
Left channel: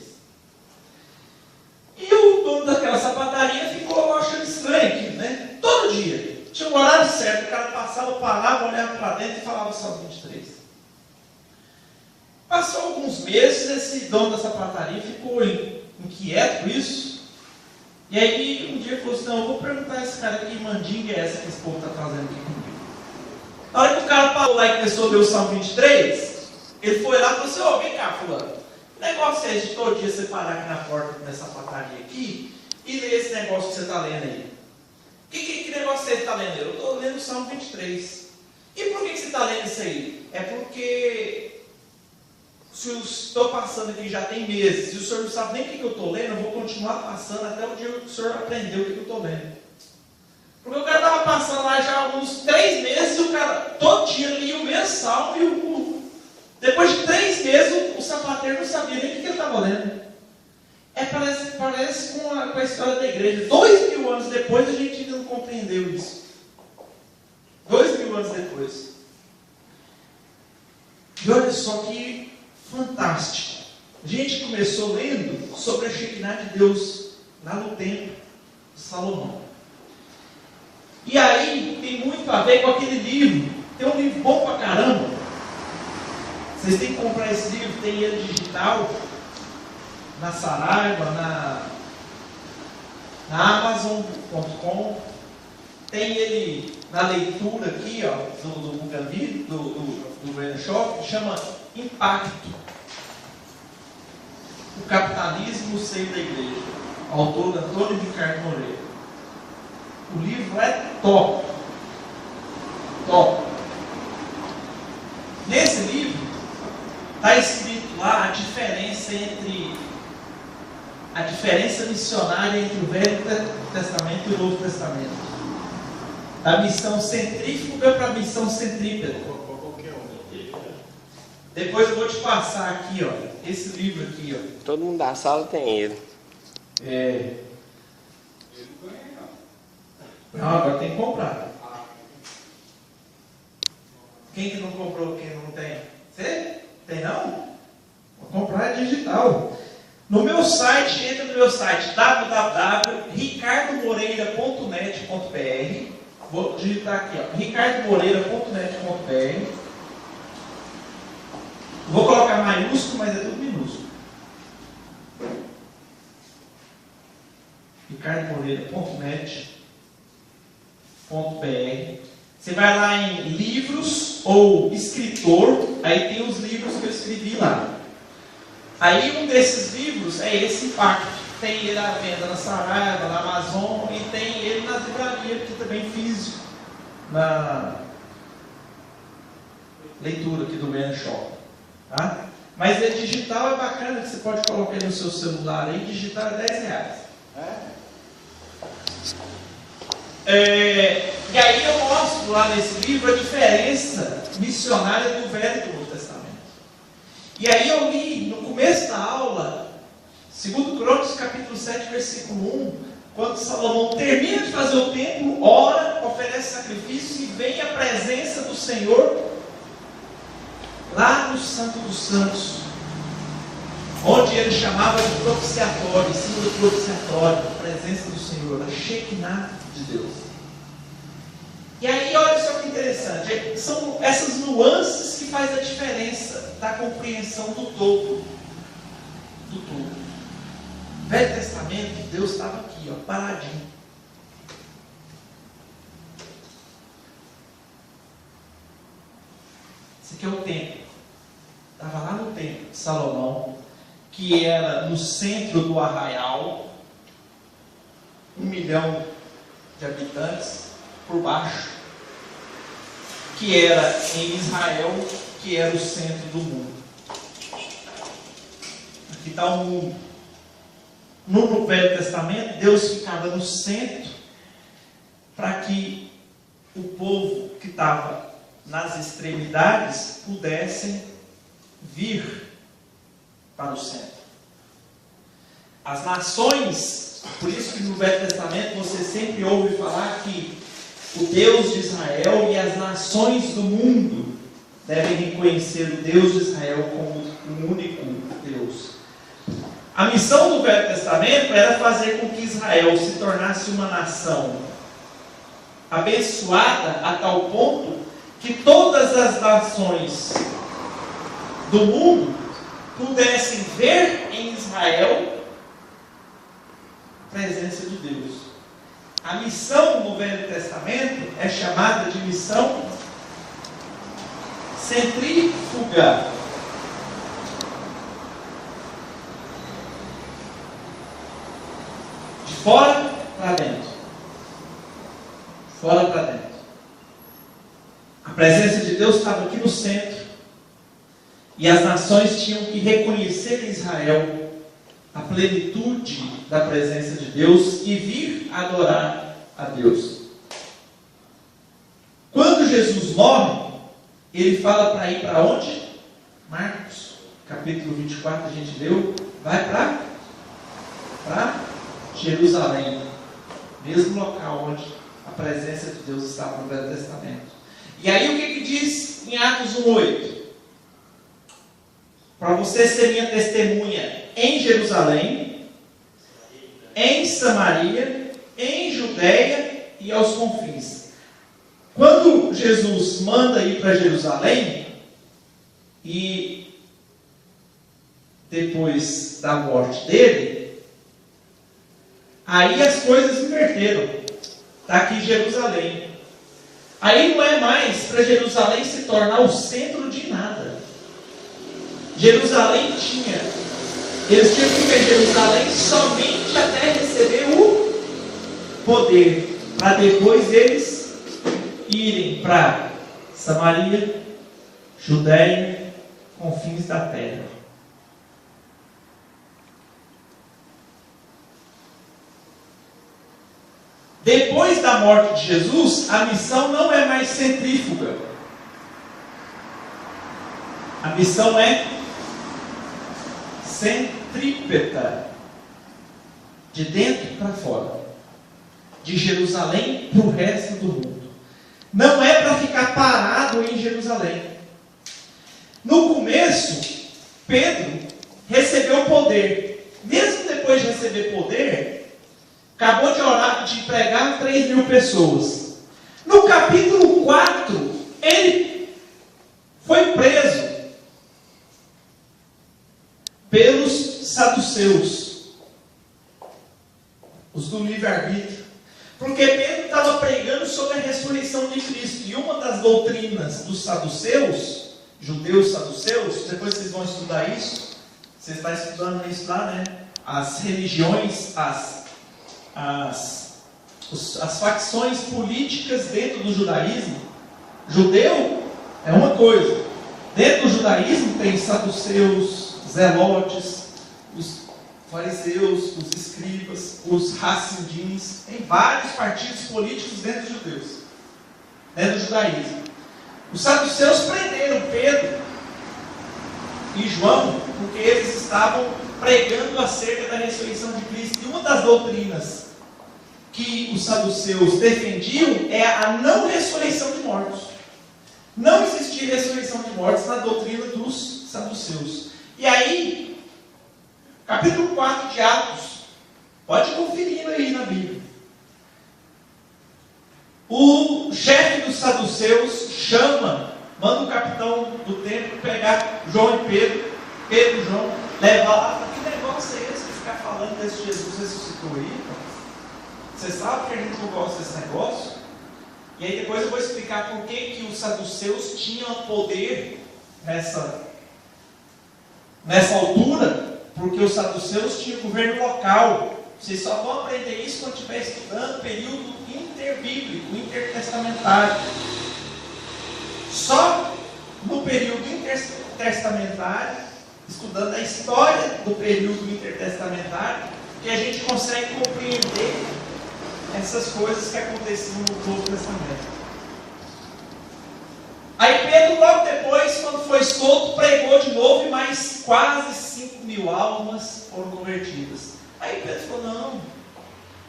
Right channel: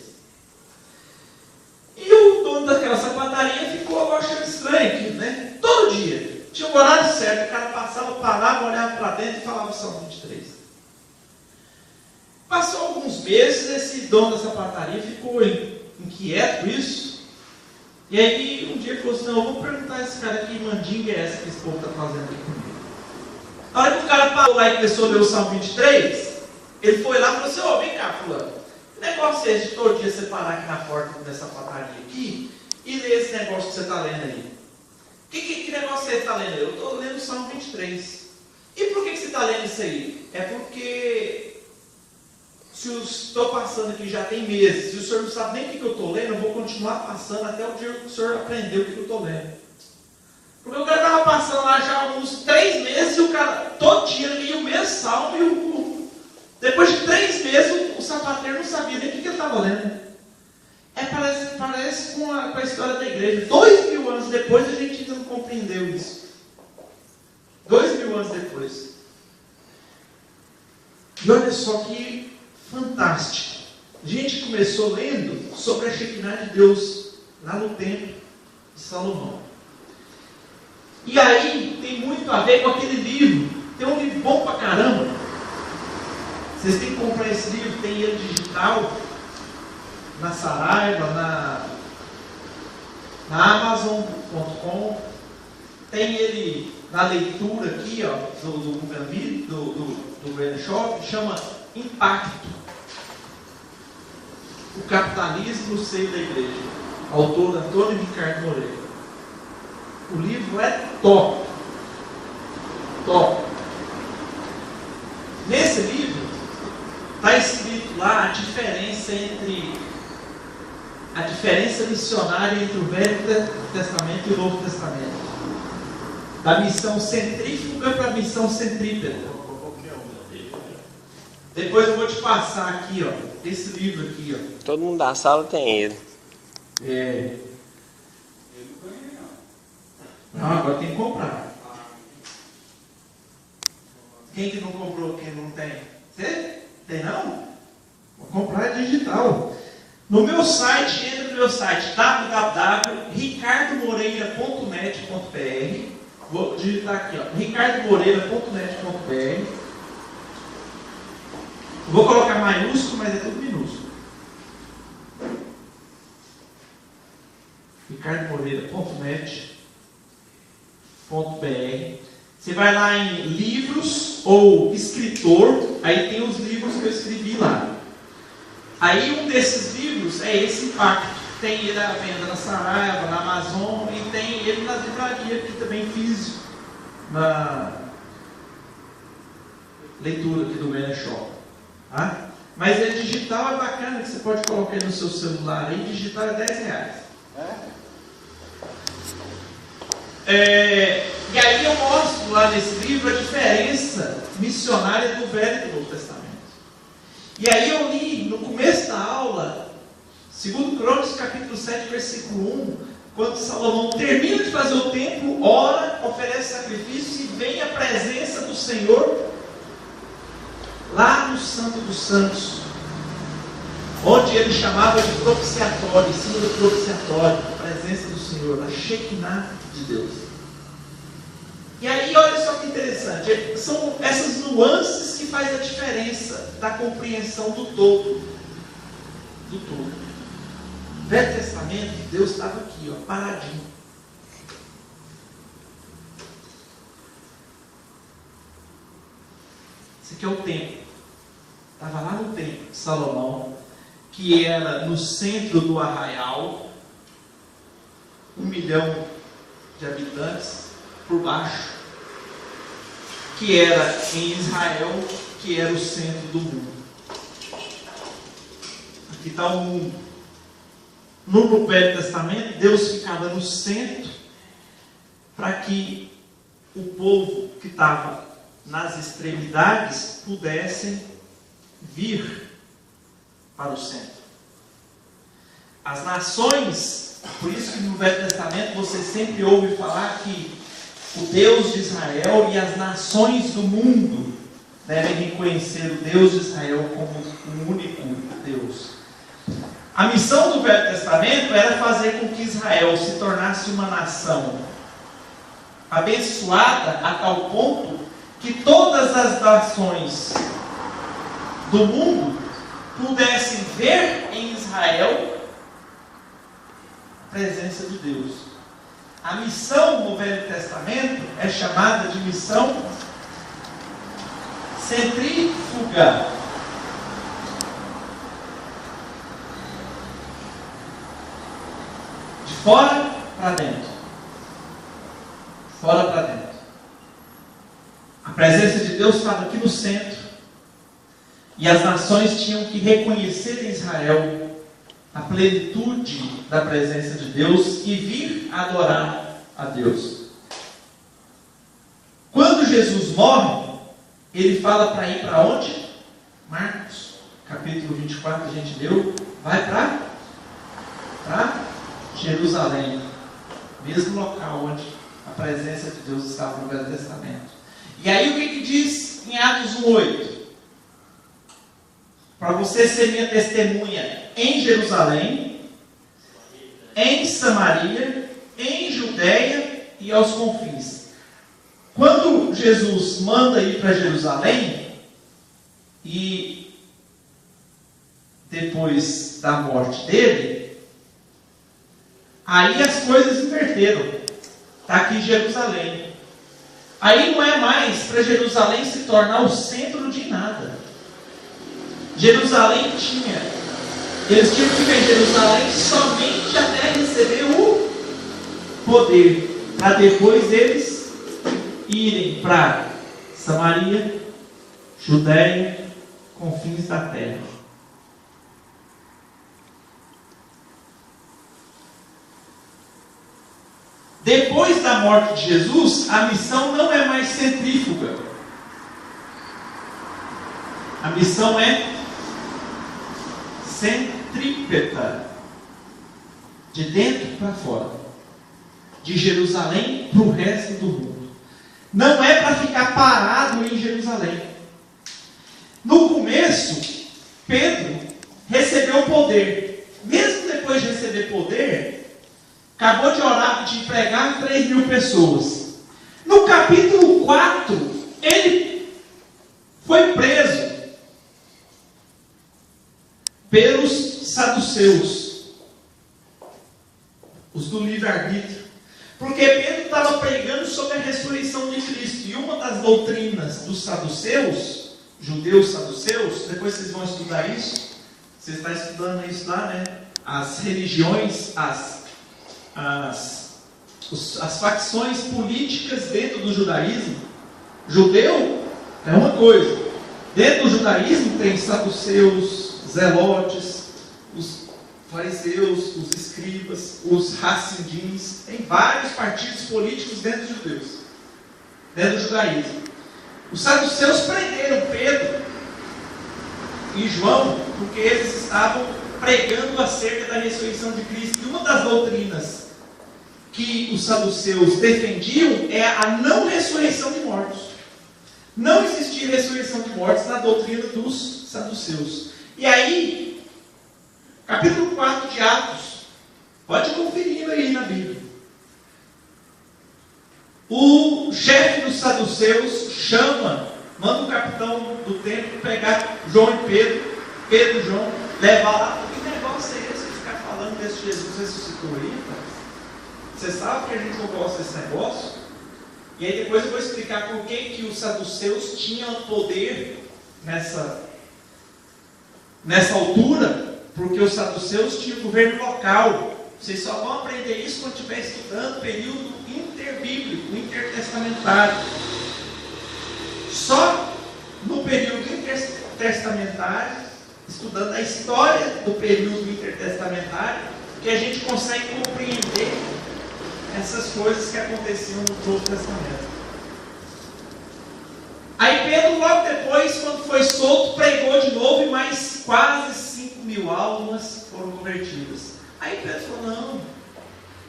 E o dono daquela sapataria ficou achando estranho aquilo, né? Todo dia. Tinha um horário certo, o cara passava, parava, olhava para dentro e falava o Salmo 23. Passou alguns meses, esse dono da sapataria ficou inquieto com isso. E aí um dia ele falou assim, não, eu vou perguntar a esse cara que mandinga é essa que esse povo está fazendo aqui comigo. Na hora que o cara parou lá e começou a ler o Salmo 23, ele foi lá e falou assim, ô, vem cá, fulano, que negócio é esse de todo dia você parar aqui na porta dessa sapataria aqui e ler esse negócio que você está lendo aí? Que negócio você está lendo? Eu estou lendo o Salmo 23. E por que você está lendo isso aí? É porque se eu estou passando aqui já tem meses, se o senhor não sabe nem o que eu estou lendo, eu vou continuar passando até o dia que o senhor aprendeu o que eu estou lendo. Porque o cara estava passando lá já há uns 3 meses e o cara todo dia lia o mesmo salmo e depois de 3 meses o sapateiro não sabia nem o que ele estava lendo. Parece com a história da igreja. 2000 anos depois a gente ainda não compreendeu isso. 2000 anos depois. E olha só que fantástico. A gente começou lendo sobre a Shekinah de Deus lá no templo de Salomão. E aí tem muito a ver com aquele livro. Tem um livro bom pra caramba. Vocês têm que comprar esse livro, tem ele digital, na Saraiva, na Amazon.com. Tem ele na leitura aqui, ó, do Google Video, do Brand Shop, que chama Impacto. O capitalismo no seio da igreja. Autor Antônio Ricardo Moreira. O livro é top. Top. Nesse livro, está escrito lá a diferença missionária entre o Velho Testamento e o Novo Testamento. Da missão centrífuga para a missão centrípeta. Depois eu vou te passar aqui, ó, esse livro aqui, ó. Todo mundo da sala tem ele. Não, agora tem que comprar. Quem que não comprou, quem não tem? Você? Tem não? Vou comprar digital. No meu site, entra no meu site www.ricardomoreira.net.br. Vou digitar aqui, ó, ricardomoreira.net.br. Vou colocar maiúsculo, mas é tudo minúsculo. ricardomoreira.net.br. Você vai lá em livros ou escritor, aí tem os livros que eu escrevi lá. Aí um desses livros é esse Pacto. Tem ele à venda na Saraiva, na Amazon, e tem ele nas livrarias, aqui também físico, na leitura aqui do Manor Shop. Tá? Mas é digital, é bacana, que você pode colocar aí no seu celular aí, digital é R$10. E aí eu mostro lá nesse livro a diferença missionária do Velho e do Novo Testamento. E aí eu li no começo da aula, 2 Crônicas, capítulo 7, versículo 1, quando Salomão termina de fazer o templo, ora, oferece sacrifício e vem a presença do Senhor lá no Santo dos Santos, onde ele chamava de propiciatório, em cima do propiciatório, a presença do Senhor, a Shekinah de Deus. E aí, olha só que interessante, são essas nuances que fazem a diferença da compreensão do todo. Do todo. No Velho Testamento, Deus estava aqui, ó, paradinho. Esse aqui é o templo. Estava lá no templo de Salomão, que era no centro do arraial, 1 milhão de habitantes por baixo, que era em Israel, que era o centro do mundo. Aqui está o mundo. No Velho Testamento, Deus ficava no centro para que o povo que estava nas extremidades pudessem vir para o centro. As nações, por isso que no Velho Testamento você sempre ouve falar que o Deus de Israel e as nações do mundo devem reconhecer o Deus de Israel como o único Deus. A missão do Velho Testamento era fazer com que Israel se tornasse uma nação abençoada a tal ponto que todas as nações do mundo pudessem ver em Israel a presença de Deus. A missão no Velho Testamento é chamada de missão centrífuga. De fora para dentro. Fora para dentro. A presença de Deus estava aqui no centro. E as nações tinham que reconhecer em Israel a plenitude da presença de Deus e vir adorar a Deus. Quando Jesus morre, ele fala para ir para onde? Marcos, capítulo 24, a gente leu, vai para Jerusalém, mesmo local onde a presença de Deus estava no Velho Testamento. E aí o que diz em Atos 1:8? Para você ser minha testemunha em Jerusalém, em Samaria, em Judeia e aos confins. Quando Jesus manda ir para Jerusalém, e depois da morte dele, aí as coisas inverteram. Está aqui Jerusalém. Aí não é mais para Jerusalém se tornar o centro de nada. Jerusalém eles tinham que ficar em Jerusalém somente até receber o poder, para depois eles irem para Samaria, Judeia, confins da terra. Depois da morte de Jesus, a missão não é mais centrífuga. A missão é centrípeta, de dentro para fora, de Jerusalém para o resto do mundo. Não é para ficar parado em Jerusalém. No começo, Pedro recebeu poder. Mesmo depois de receber poder, acabou de orar, de pregar 3.000 pessoas. No capítulo 4, ele foi preso pelos saduceus, os do livre-arbítrio. Porque Pedro estava pregando sobre a ressurreição de Cristo. E uma das doutrinas dos saduceus, judeus saduceus, depois vocês vão estudar isso. Você está estudando isso lá, né? As religiões, as facções políticas dentro do judaísmo. Judeu é uma coisa. Dentro do judaísmo tem saduceus, zelotes, os fariseus, os escribas, os hassidim, tem vários partidos políticos dentro dos judeus, dentro do judaísmo. Os saduceus prenderam Pedro e João porque eles estavam pregando acerca da ressurreição de Cristo. E uma das doutrinas que os saduceus defendiam é a não ressurreição de mortos. Não existia ressurreição de mortos na doutrina dos saduceus. E aí, capítulo 4 de Atos, pode ir conferindo aí na Bíblia. O chefe dos saduceus manda o capitão do templo pegar João e Pedro e João, levar lá. Que negócio é esse de ficar falando desse Jesus ressuscitou aí? Você sabe que a gente não gosta desse negócio? E aí depois eu vou explicar por que os saduceus tinham poder nessa altura, porque os saduceus tinham governo local. Vocês só vão aprender isso quando estiver estudando o período interbíblico, intertestamentário. Só no período intertestamentário, estudando a história do período intertestamentário, que a gente consegue compreender essas coisas que aconteciam no Novo Testamento. Aí Pedro, logo depois, quando foi solto, pregou de novo e mais quase 5.000 almas foram convertidas. Aí Pedro falou, não,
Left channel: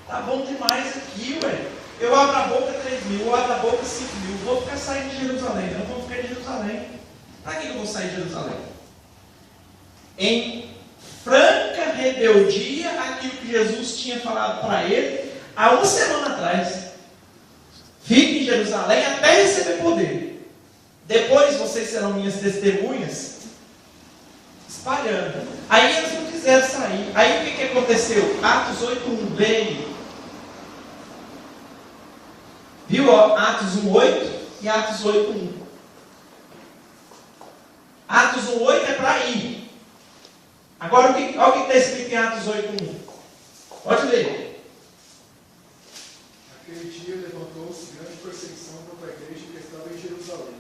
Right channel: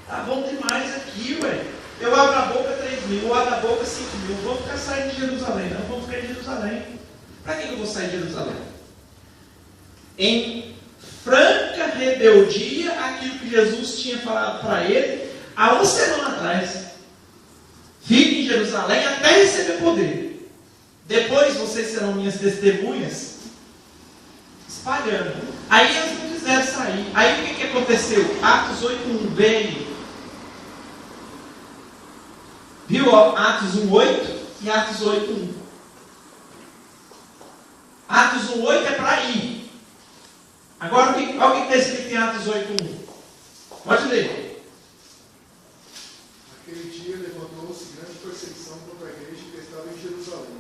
tá bom demais aqui, ué. Eu abro a boca 3.000, eu abro a boca 5.000, vou ficar saindo de Jerusalém. Não vou ficar em Jerusalém. Para que eu vou sair de Jerusalém? Em franca rebeldia àquilo que Jesus tinha falado para ele há uma semana atrás. Fique em Jerusalém até receber poder. Depois vocês serão minhas testemunhas, espalhando. Aí eles não quiseram sair. Aí o que aconteceu? Atos 8:1 veio. Viu? Ó, Atos 1:8 e Atos 8:1. Atos 1:8 é para ir. Agora, olha o que está escrito em Atos 8:1. Pode ler. Aquele dia levantou-se grande perseguição contra a igreja que estava em Jerusalém.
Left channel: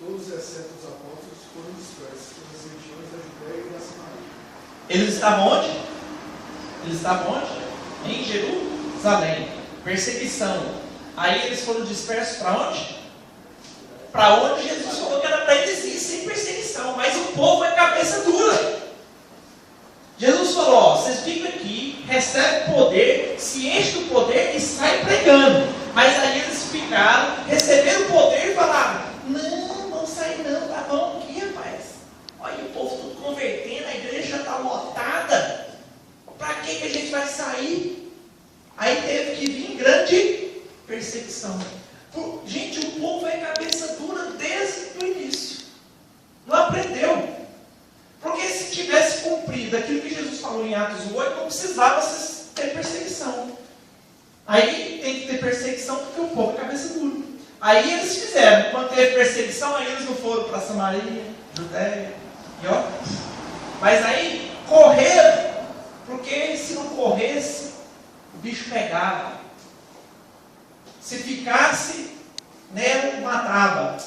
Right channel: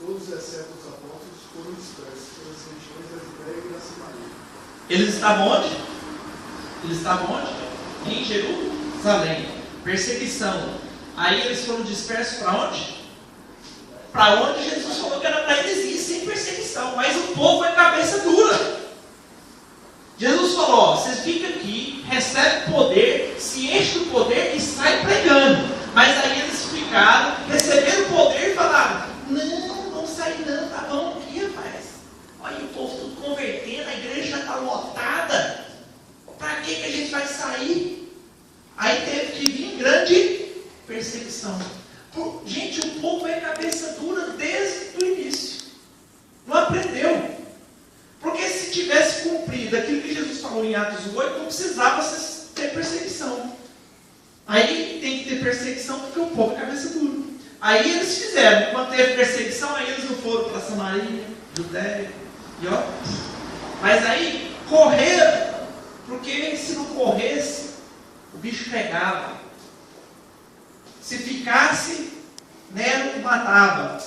Todos, exceto os apóstolos, foram dispersos pelas regiões da Judéia e da Samaria. Eles estavam onde? Eles estavam onde? Em Jerusalém. Perseguição. Aí eles foram dispersos para onde? Para onde Jesus falou que era para eles ir sem perseguição. Mas o povo é cabeça dura. Jesus falou, ó, vocês ficam aqui, recebem poder, se enchem do poder e saem pregando. Mas aí eles ficaram, receberam o poder e falaram, não, vamos sair não, tá bom aqui, rapaz. Olha o povo tudo convertendo, a igreja já está lotada. Para que a gente vai sair? Aí teve que vir grande perseguição. Gente, o povo é cabeça dura desde o início. Não aprendeu. Porque se tivesse cumprido aquilo que Jesus falou em Atos 8, não precisava ter perseguição. Aí tem que ter perseguição porque o povo é cabeça dura. Aí eles fizeram. Quando teve perseguição, aí eles não foram para Samaria, Judéia e ó. Mas aí correram, porque se não corresse, o bicho pegava. Se ficasse, Nero matava.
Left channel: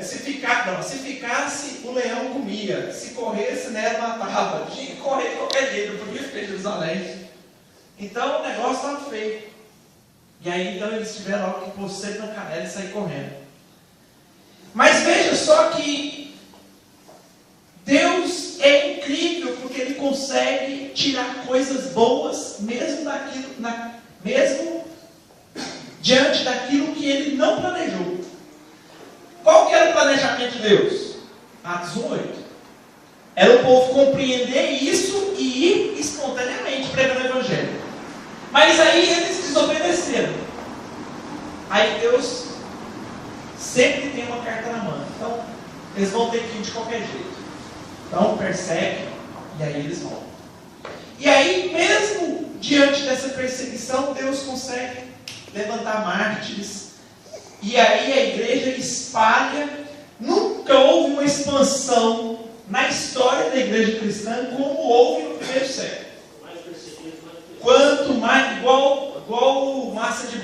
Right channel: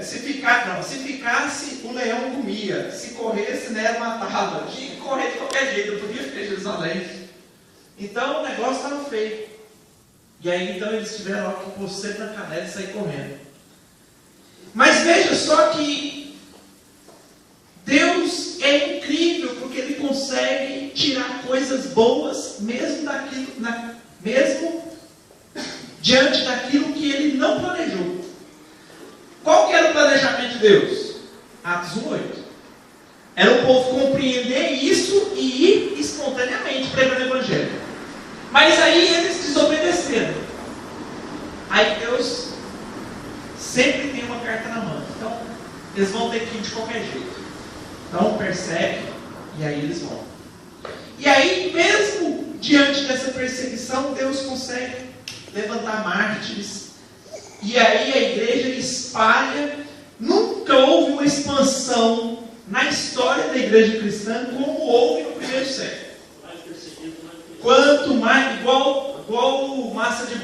Se ficasse, o leão comia. Se corresse, Nero matava. Tinha que correr de qualquer jeito, não podia ficar em Jerusalém. Então o negócio estava feio. E aí então eles tiveram que pôr sempre na canela e sair correndo. Mas veja só que Deus é incrível, porque Ele consegue tirar coisas boas, mesmo diante daquilo que Ele não planejou. Qual que era o planejamento de Deus? Atos 1:8. Era o povo compreender isso e ir espontaneamente pregando o Evangelho. Mas aí eles desobedeceram. Aí Deus sempre tem uma carta na mão. Então, eles vão ter que ir de qualquer jeito. Então, persegue e aí eles vão. E aí, mesmo diante dessa perseguição, Deus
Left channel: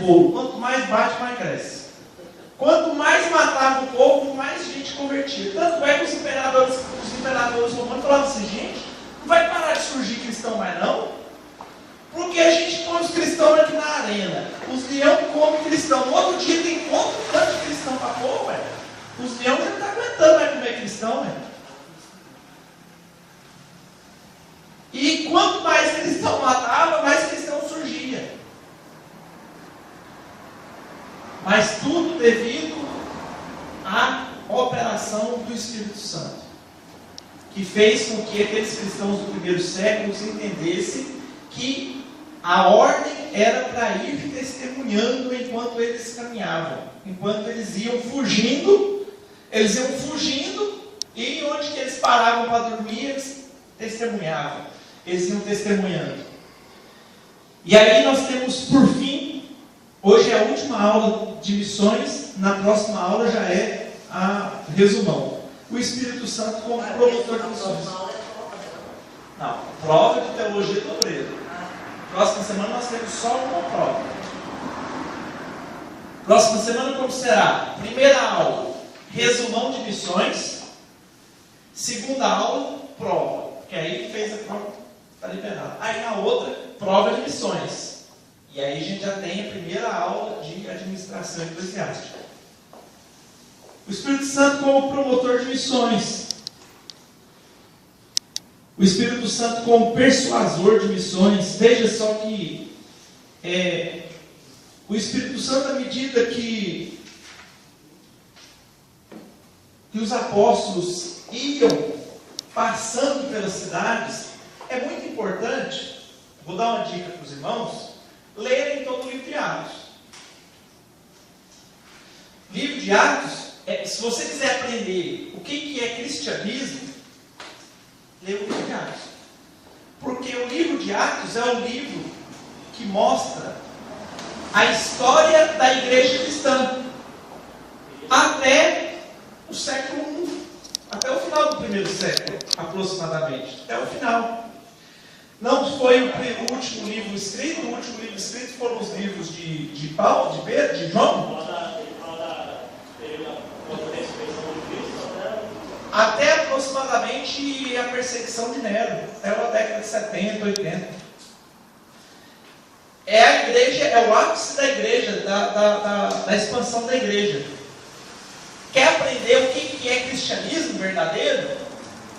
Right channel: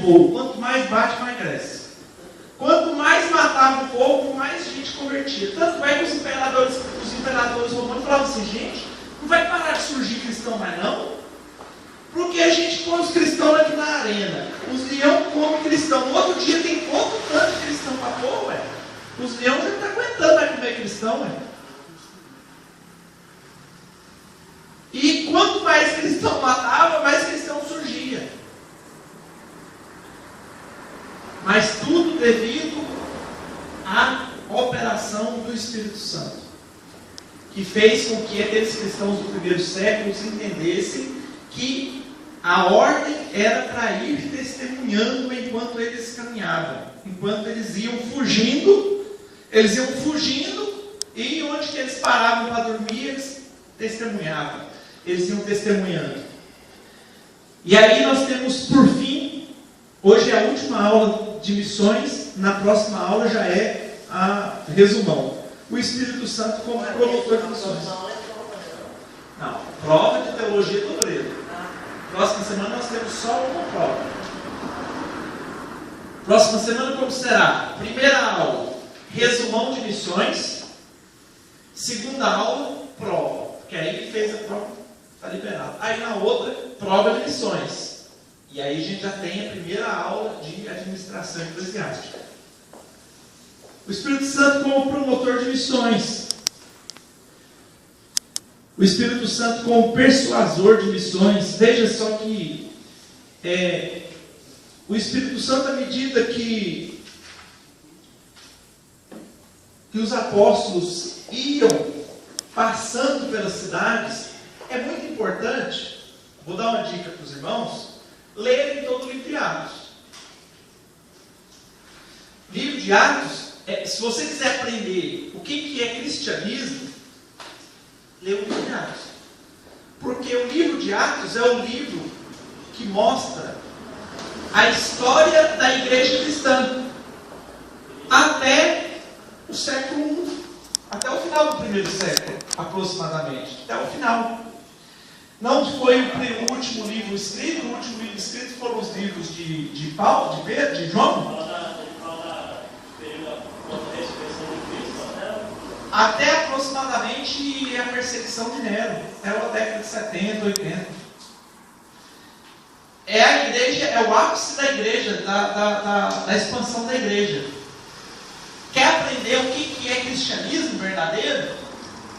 bolo. Quanto mais bate, mais cresce. Quanto mais matava o povo, mais gente convertia. Tanto é que os imperadores romanos falavam assim, gente, não vai parar de surgir cristão mais não? Porque a gente põe os cristãos aqui na arena. Os leão comem cristão. No outro dia tem outro tanto de cristão para pôr, ué. Os leões não estão aguentando mais comer cristão, ué. E quanto mais cristão matava, mais cristão surgia. Mas tudo devido à operação do Espírito Santo, que fez com que aqueles cristãos do primeiro século entendessem que a ordem era para ir testemunhando enquanto eles caminhavam, enquanto eles iam fugindo e onde que eles paravam para dormir, eles testemunhavam, eles iam testemunhando. E aí nós temos, por fim, hoje é a última aula de missões, na próxima aula já é a resumão. O Espírito Santo como promotor de missões. Não, prova de teologia do grego. Próxima semana nós temos só uma prova. Próxima semana como será? Primeira aula, resumão de missões. Segunda aula, prova. Que aí fez a prova, está liberado. Aí na outra, prova de missões. E aí a gente já tem a primeira aula de administração eclesiástica. O Espírito Santo como promotor de missões. O Espírito Santo como persuasor de missões. Veja só que o Espírito Santo, à medida que os apóstolos iam passando pelas cidades, é muito importante, vou dar uma dica para os irmãos, lerem todo o livro de Atos. Livro de Atos, se você quiser aprender o que é cristianismo, lê o livro de Atos. Porque o livro de Atos é o livro que mostra a história da igreja cristã até o século I, até o final do primeiro século, aproximadamente, até o final. Não foi o último livro escrito, o último livro escrito foram os livros de Paulo, de Pedro, de João. Até aproximadamente a perseguição de Nero, até a década de 70, 80. É a igreja, é o ápice da igreja, da expansão da igreja. Quer aprender o que é cristianismo verdadeiro?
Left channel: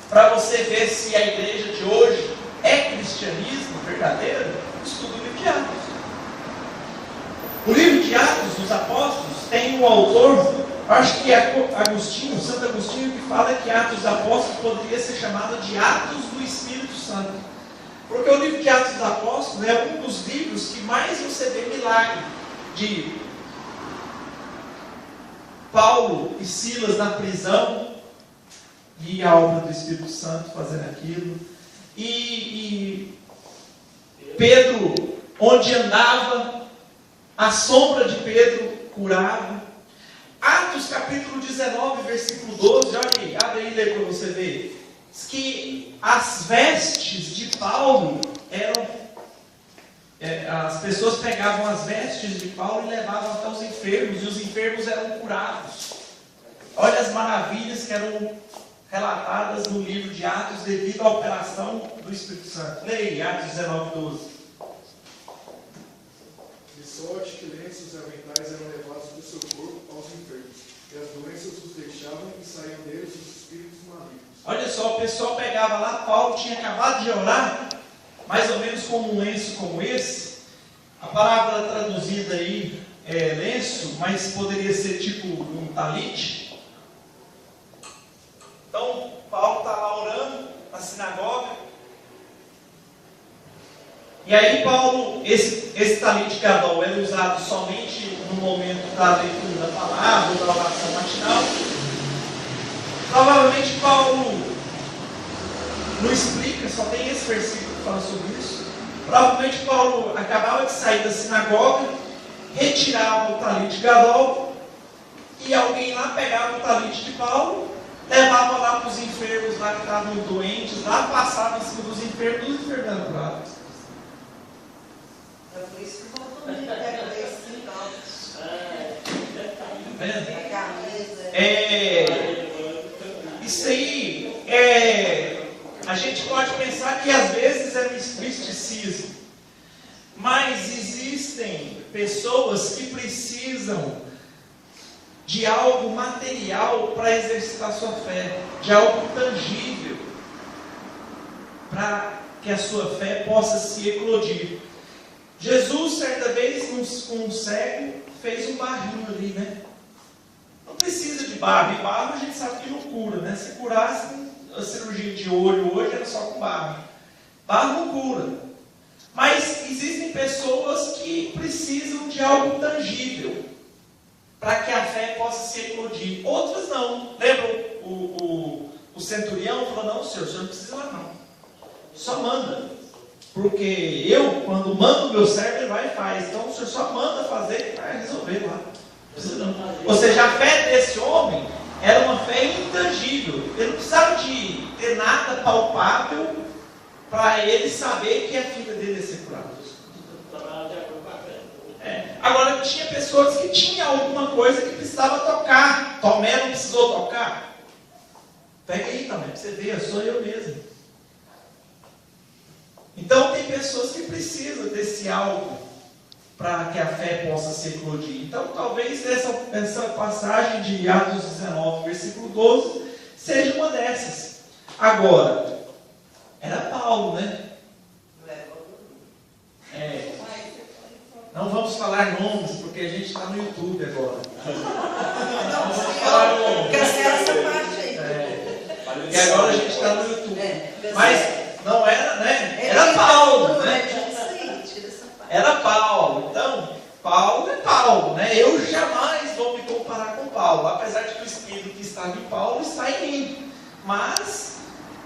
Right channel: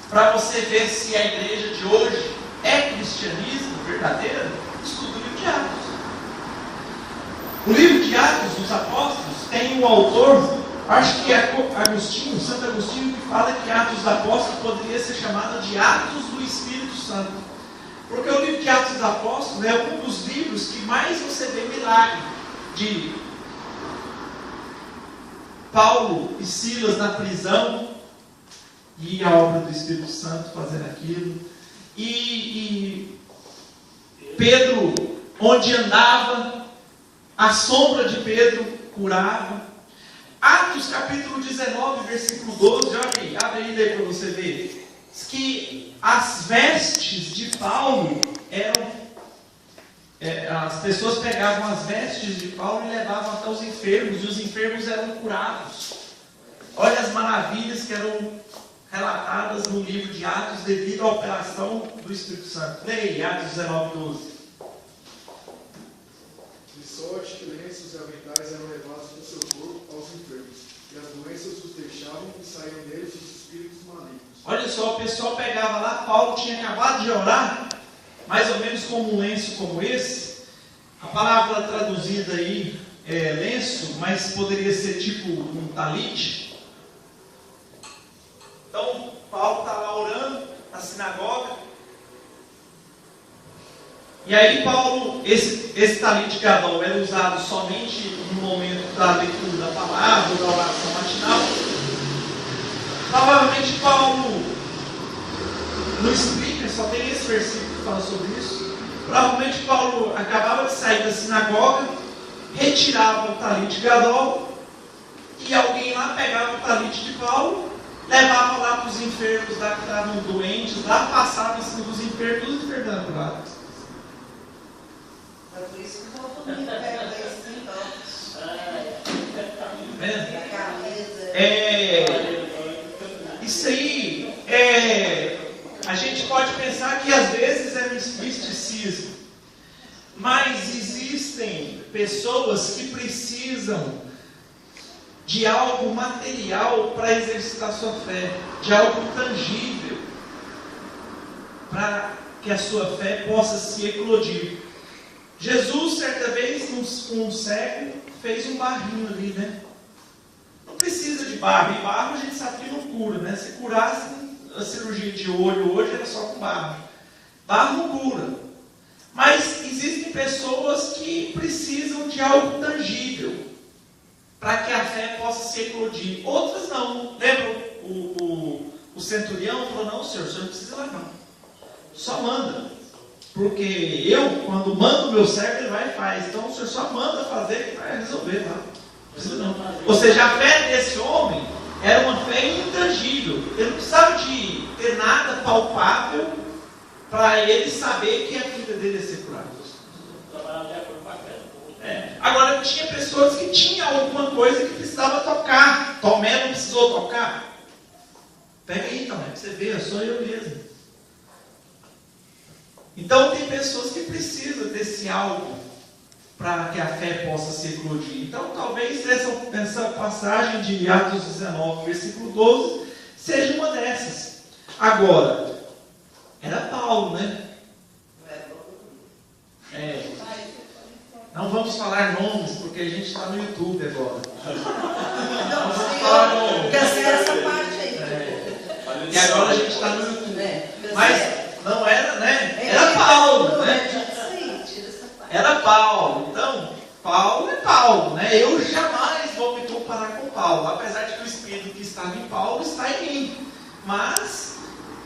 Para você ver se a igreja de hoje é cristianismo verdadeiro, estuda o livro de Atos. O livro de Atos dos Apóstolos tem um autor, acho que é Agostinho, Santo Agostinho, que fala que Atos dos Apóstolos poderia ser chamado de Atos do Espírito Santo. Porque o livro de Atos dos Apóstolos é um dos livros que mais você vê milagre de Paulo e Silas na prisão e a obra do Espírito Santo fazendo aquilo. E Pedro, onde andava, a sombra de Pedro curava. Atos capítulo 19, versículo 12, olha aí, abre aí para você ver. Diz que as vestes de Paulo eram... as pessoas pegavam as vestes de Paulo e levavam até os enfermos, e os enfermos eram curados. Olha as maravilhas que eram relatadas no livro de Atos devido à operação do Espírito Santo. Leia Atos 19, 12. De sorte que lenços e aventais eram levados do seu corpo aos enfermos, e as doenças os deixavam e saíam deles os espíritos malignos. Olha só, o pessoal pegava lá, Paulo tinha acabado de orar, mais ou menos com um lenço como esse. A palavra traduzida aí é lenço, mas poderia ser tipo um talite. Então, Paulo está lá orando na sinagoga. E aí Paulo, esse talite gadol é usado somente no momento da leitura da palavra, da oração matinal. Provavelmente Paulo não explica, só tem esse versículo que fala sobre isso. Provavelmente Paulo acabava de sair da sinagoga, retirava o talite gadol, e alguém lá pegava o talite de Paulo, levava lá para os enfermos lá que estavam doentes, lá passava em cima dos enfermos, os enfermos eram curados. É por isso que o Paulo pega lá em cima. pessoas que precisam de algo material para exercitar sua fé, de algo tangível, para que a sua fé possa se eclodir. Jesus, certa vez, um cego, fez um barrinho ali, né? Não precisa de barro. E barro a gente sabe que não cura, né? Se curasse a cirurgia de olho hoje, era só com barro. Barro cura. Mas existem pessoas que precisam de algo tangível para que a fé possa se eclodir. Outras não. Lembra o centurião falou, não, senhor não precisa lá não. Só manda. Porque eu, quando mando o meu servo, ele vai e faz. Então o senhor só manda fazer e vai resolver lá. Não precisa não. Ou seja, a fé desse homem era uma fé intangível. Ele não precisava de ter nada palpável para ele saber que a filha dele ia ser curada. Agora, tinha pessoas que tinham alguma coisa que precisava tocar. Tomé não precisou tocar. Pega aí, Tomé, você vê, sou eu mesmo. Então, tem pessoas que precisam desse algo para que a fé possa se eclodir. Então, talvez essa passagem de Atos 19, versículo 12, seja uma dessas. Agora, era Paulo, né? Não vamos falar nomes, porque a gente está no YouTube agora. Não vamos falar nomes. Porque agora a gente está no YouTube. Mas não era, né? Era Paulo, né? Era Paulo. Então, Paulo é Paulo, né? Eu jamais vou me comparar com Paulo, apesar de que o Espírito que estava em Paulo está em mim. Mas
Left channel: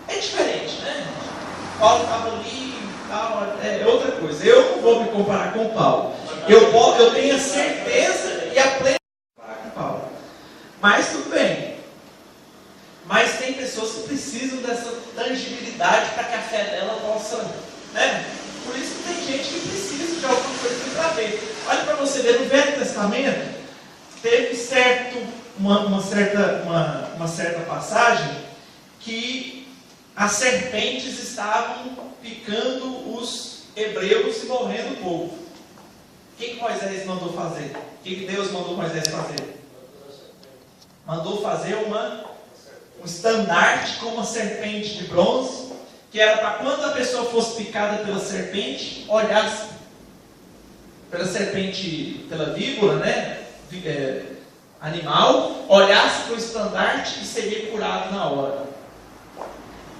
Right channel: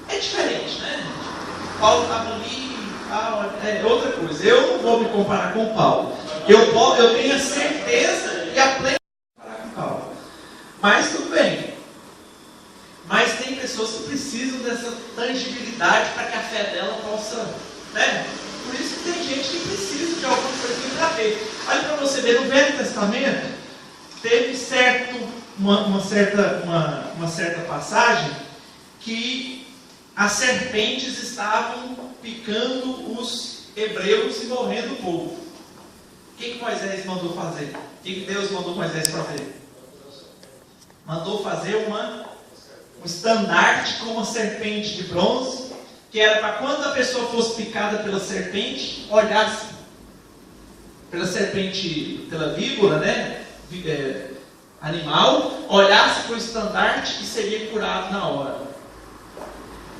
é diferente, né? Paulo estava ali, é outra coisa. Eu não vou me comparar com Paulo. Eu tenho a certeza e a plena comparar com Paulo. Mas tudo bem. Mas tem pessoas que precisam dessa tangibilidade para que a fé dela possa, né? Por isso que tem gente que precisa de alguma coisa para ver. Olha para você ver, no Velho Testamento teve uma certa passagem que as serpentes estavam picando os hebreus e morrendo o povo. O que Moisés mandou fazer? O que Deus mandou Moisés fazer? Mandou fazer um estandarte com uma serpente de bronze, que era para quando a pessoa fosse picada pela serpente, olhasse pela serpente, pela víbora, né? Animal, olhasse para o estandarte e seria curado na hora.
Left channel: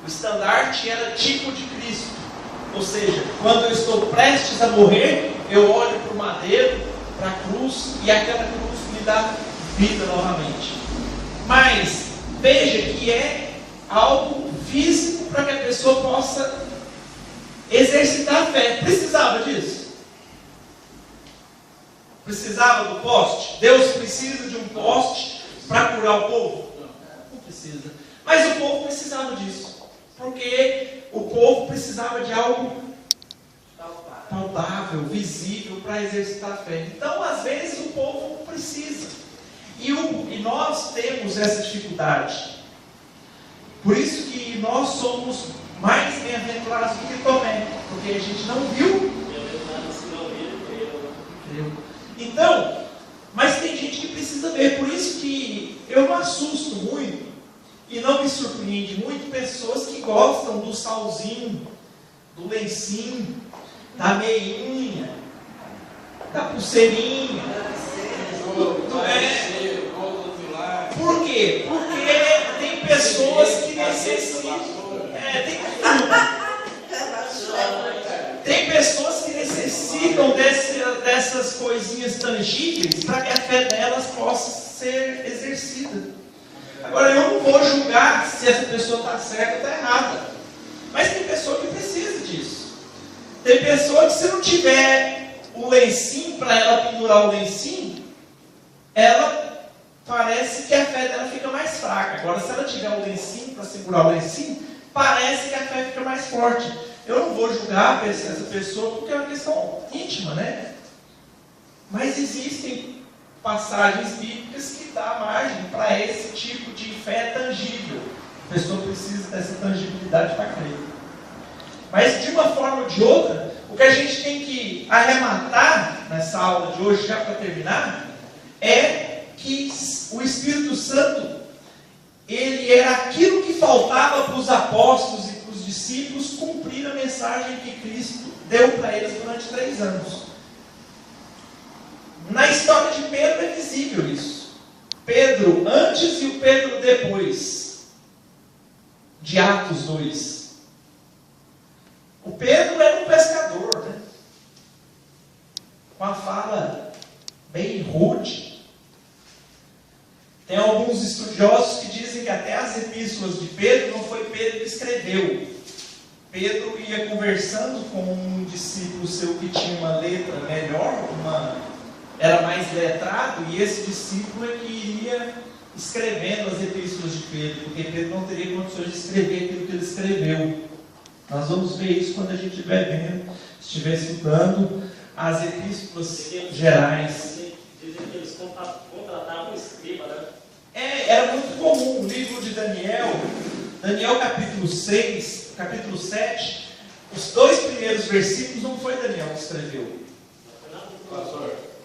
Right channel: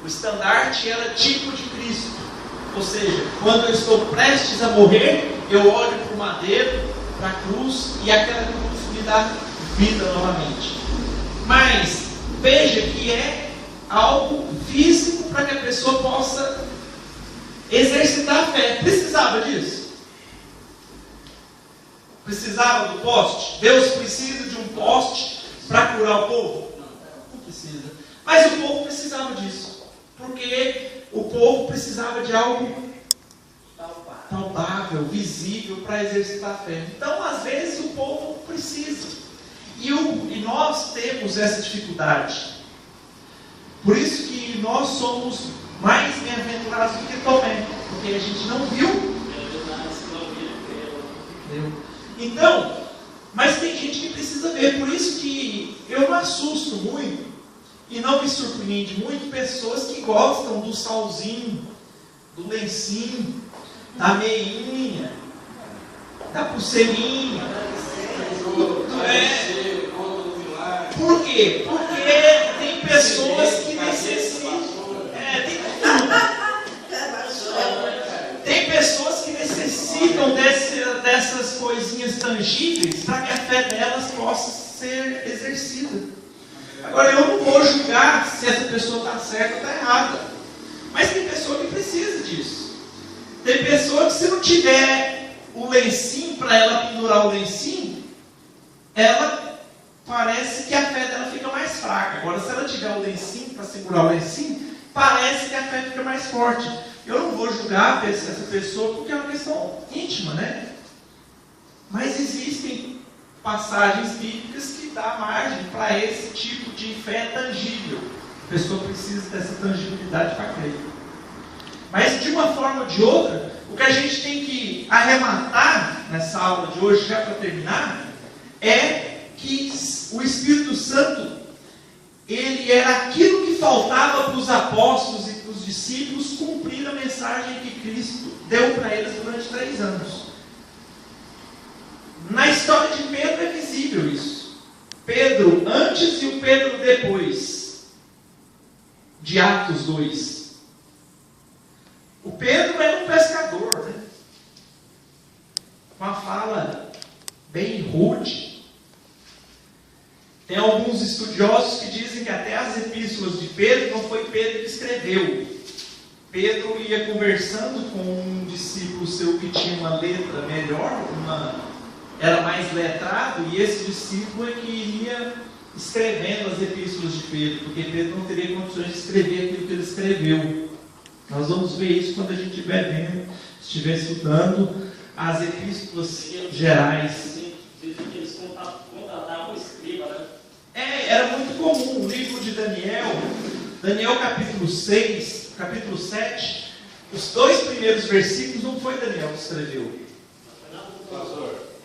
O estandarte era tipo de Cristo. Ou seja, quando eu estou prestes a morrer, eu olho para o madeiro, para a cruz, e aquela cruz me dá vida novamente. Mas veja que é algo físico para que a pessoa possa exercitar a fé. Precisava disso? Precisava do poste? Deus precisa de um poste para curar o povo? Não precisa. Mas o povo precisava disso. Porque o povo precisava de algo palpável, visível, para exercitar a fé. Então, às vezes, o povo precisa. E nós temos essa dificuldade. Por isso que nós somos mais bem-aventurados do que Tomé. Porque a gente não viu. Então, mas tem gente que precisa ver. Por isso que eu me assusto muito. E não me surpreende muito pessoas que gostam do salzinho, do lencinho, da meinha, da pulseirinha. Por quê? Porque tem pessoas que necessitam. Tem pessoas que necessitam dessas coisinhas tangíveis para que a fé delas possa ser exercida. Agora, eu não vou julgar se essa pessoa está certa ou está errada. Mas tem pessoa que precisa disso. Tem pessoa que, se não tiver o lencinho para ela pendurar o lencinho, ela parece que a fé dela fica mais fraca. Agora, se ela tiver o lencinho para segurar o lencinho, parece que a fé fica mais forte. Eu não vou julgar essa pessoa porque é uma questão íntima, né? Mas existem passagens bíblicas que dá margem para esse tipo de fé tangível. A pessoa precisa dessa tangibilidade para crer. Mas de uma forma ou de outra, o que a gente tem que arrematar, nessa aula de hoje, já para terminar, é que o Espírito Santo, ele era aquilo que faltava para os apóstolos e para os discípulos cumprir a mensagem que Cristo deu para eles durante 3 anos. Na história de Pedro é visível isso. Pedro antes e o Pedro depois de Atos 2. O Pedro era um pescador, né? Com a fala bem rude. Tem alguns estudiosos que dizem que até as epístolas de Pedro não foi Pedro que escreveu. Pedro ia conversando com um discípulo seu que tinha uma letra melhor, era mais letrado, e esse discípulo é que iria escrevendo as epístolas de Pedro, porque Pedro não teria condições de escrever aquilo que ele escreveu. Nós vamos ver isso quando a gente estiver estudando as epístolas gerais. Dizem que eles contratavam um escriba, né? Era muito comum. O livro de Daniel capítulo 6, capítulo 7, os 2 primeiros versículos não foi Daniel que escreveu.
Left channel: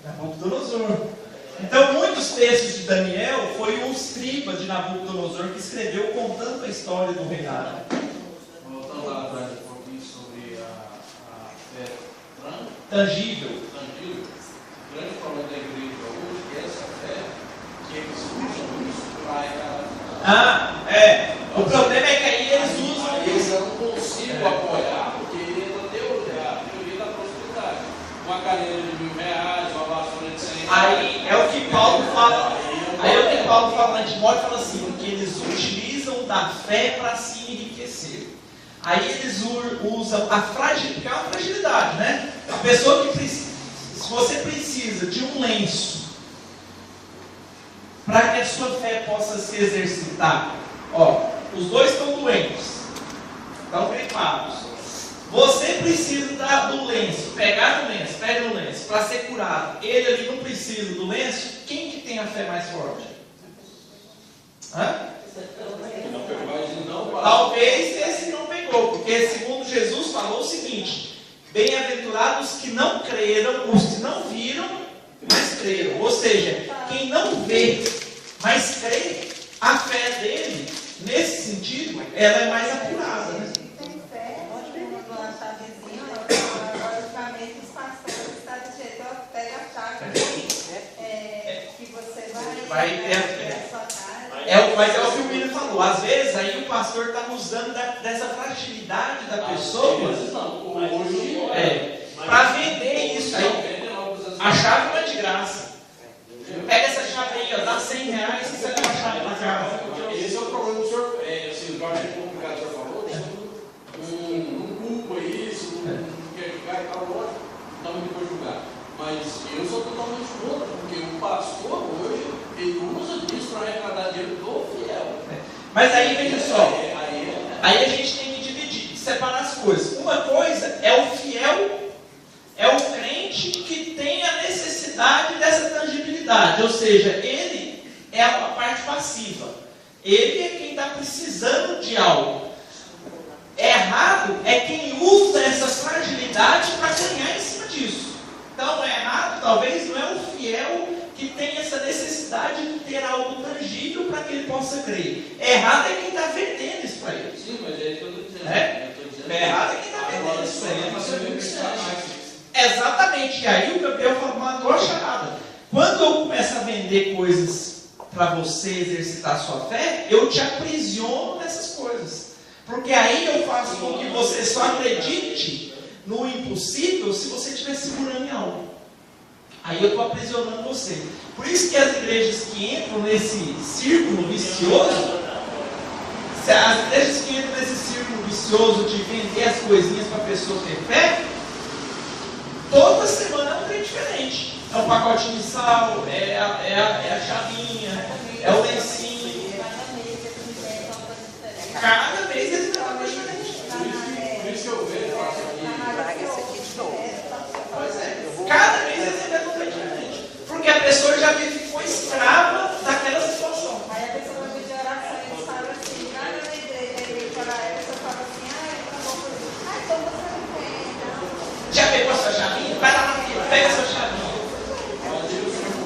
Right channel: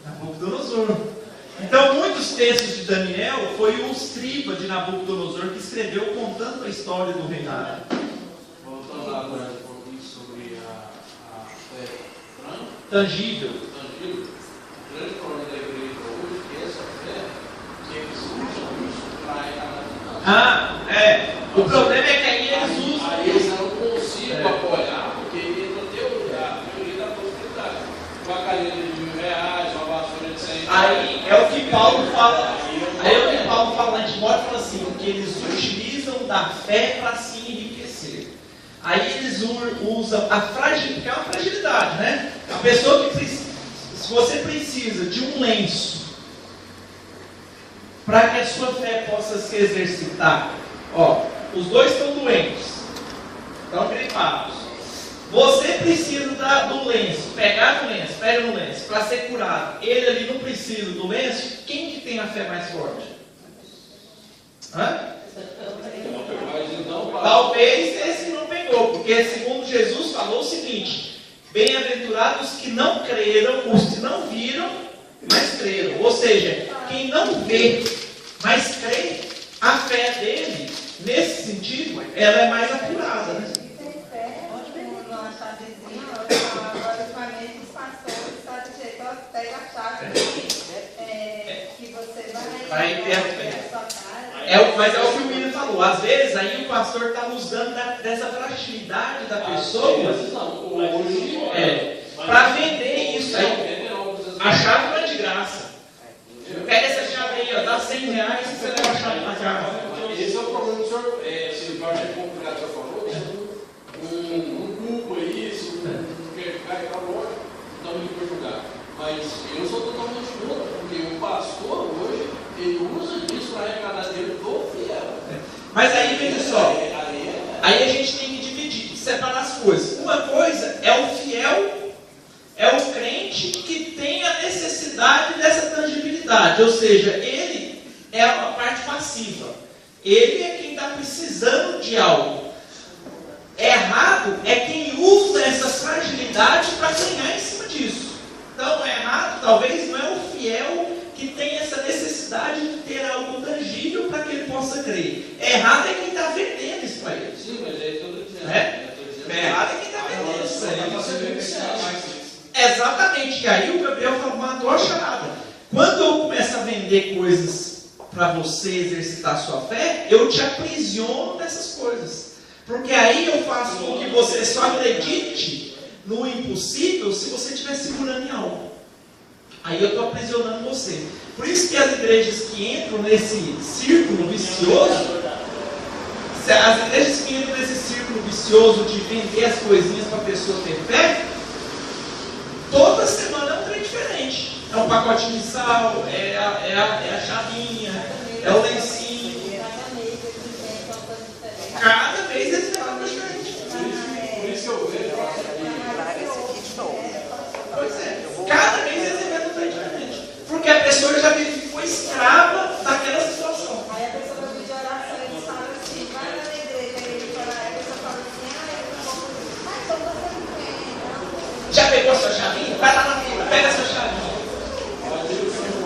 Nabucodonosor. Então, muitos textos de Daniel foi o escriba de Nabucodonosor que escreveu contando a história do reinado. Voltando lá atrás um pouquinho sobre a fé Tangível. O grande problema da igreja hoje é que essa fé, que eles usam isso para encarar. O problema é que aí eles usam Aí isso. eu não consigo apoiar, porque ele entra a teoria da prosperidade. Uma cadeira de R$1.000, uma vassoura de 100. Aí é o que Paulo fala. Aí é o que Paulo fala lá em Timóteo, fala assim, que eles utilizam da fé para se enriquecer. Aí eles usam a fragilidade, que é uma fragilidade, né? A pessoa que precisa, se você precisa de um lenço para que a sua fé possa se exercitar, os 2 estão doentes, estão gripados. Você precisa do lenço, pega no lenço para ser curado. Ele ali não precisa do lenço. Quem que tem a fé mais forte? Talvez esse que não pegou, porque segundo Jesus falou o seguinte: bem-aventurados que não creram, os que não viram, mas creram. Ou seja, quem não vê, mas crê, a fé dele, nesse sentido, ela é mais apurada, né? Vai ter a fé. Mas é o que o William falou. Às vezes aí o pastor está usando dessa fragilidade da pessoa para vender isso aí. A chave não é de graça. Pega essa chave aí, dá R$100 e você leva a chave para casa. Esse é o problema do senhor. Eu acho que é complicado, o senhor falou. Tem um grupo aí, isso não quer ficar e tal, não me pode julgar. Mas eu sou totalmente contra, porque o pastor hoje, ele usa disso para arrecadar dinheiro do fiel. Mas aí, veja só. Aí a gente tem que dividir, separar as coisas. Uma coisa é o fiel, é o crente que tem a necessidade dessa tangibilidade. Ou seja, ele é a parte passiva. Ele é quem está precisando de algo. Errado é quem usa essa fragilidade para ganhar em cima disso. Então, errado talvez não é o fiel que tem essa necessidade de ter algo tangível para que ele possa crer. Errado é quem está vendendo isso para ele. Sim, mas é isso que eu estou dizendo. Errado é quem está vendendo isso para ele. Exatamente. E aí o Gabriel matou a charada. Quando eu começo a vender coisas para você exercitar a sua fé, eu te aprisiono nessas coisas. Porque aí eu faço com que você só acredite no impossível se você estiver segurando em algo. Aí eu estou aprisionando você. Por isso que as igrejas que entram nesse círculo vicioso, as igrejas que entram nesse círculo vicioso de vender as coisinhas para a pessoa ter fé, toda semana é um trem diferente. É um pacotinho de sal, é a chavinha, é o lencinho. Cada mês eles têm uma coisa diferente. Por isso que eu vejo, eu acho que Pois é. Cada mês eles inventam um trem diferente. Porque a pessoa já ficou escrava daquela situação. Aí a pessoa vai pedir oração e eles falam assim, vai lá na igreja e a pessoa fala assim, então você não crê. Já pegou a sua chavinha? Vai lá na fila, pega a sua chavinha.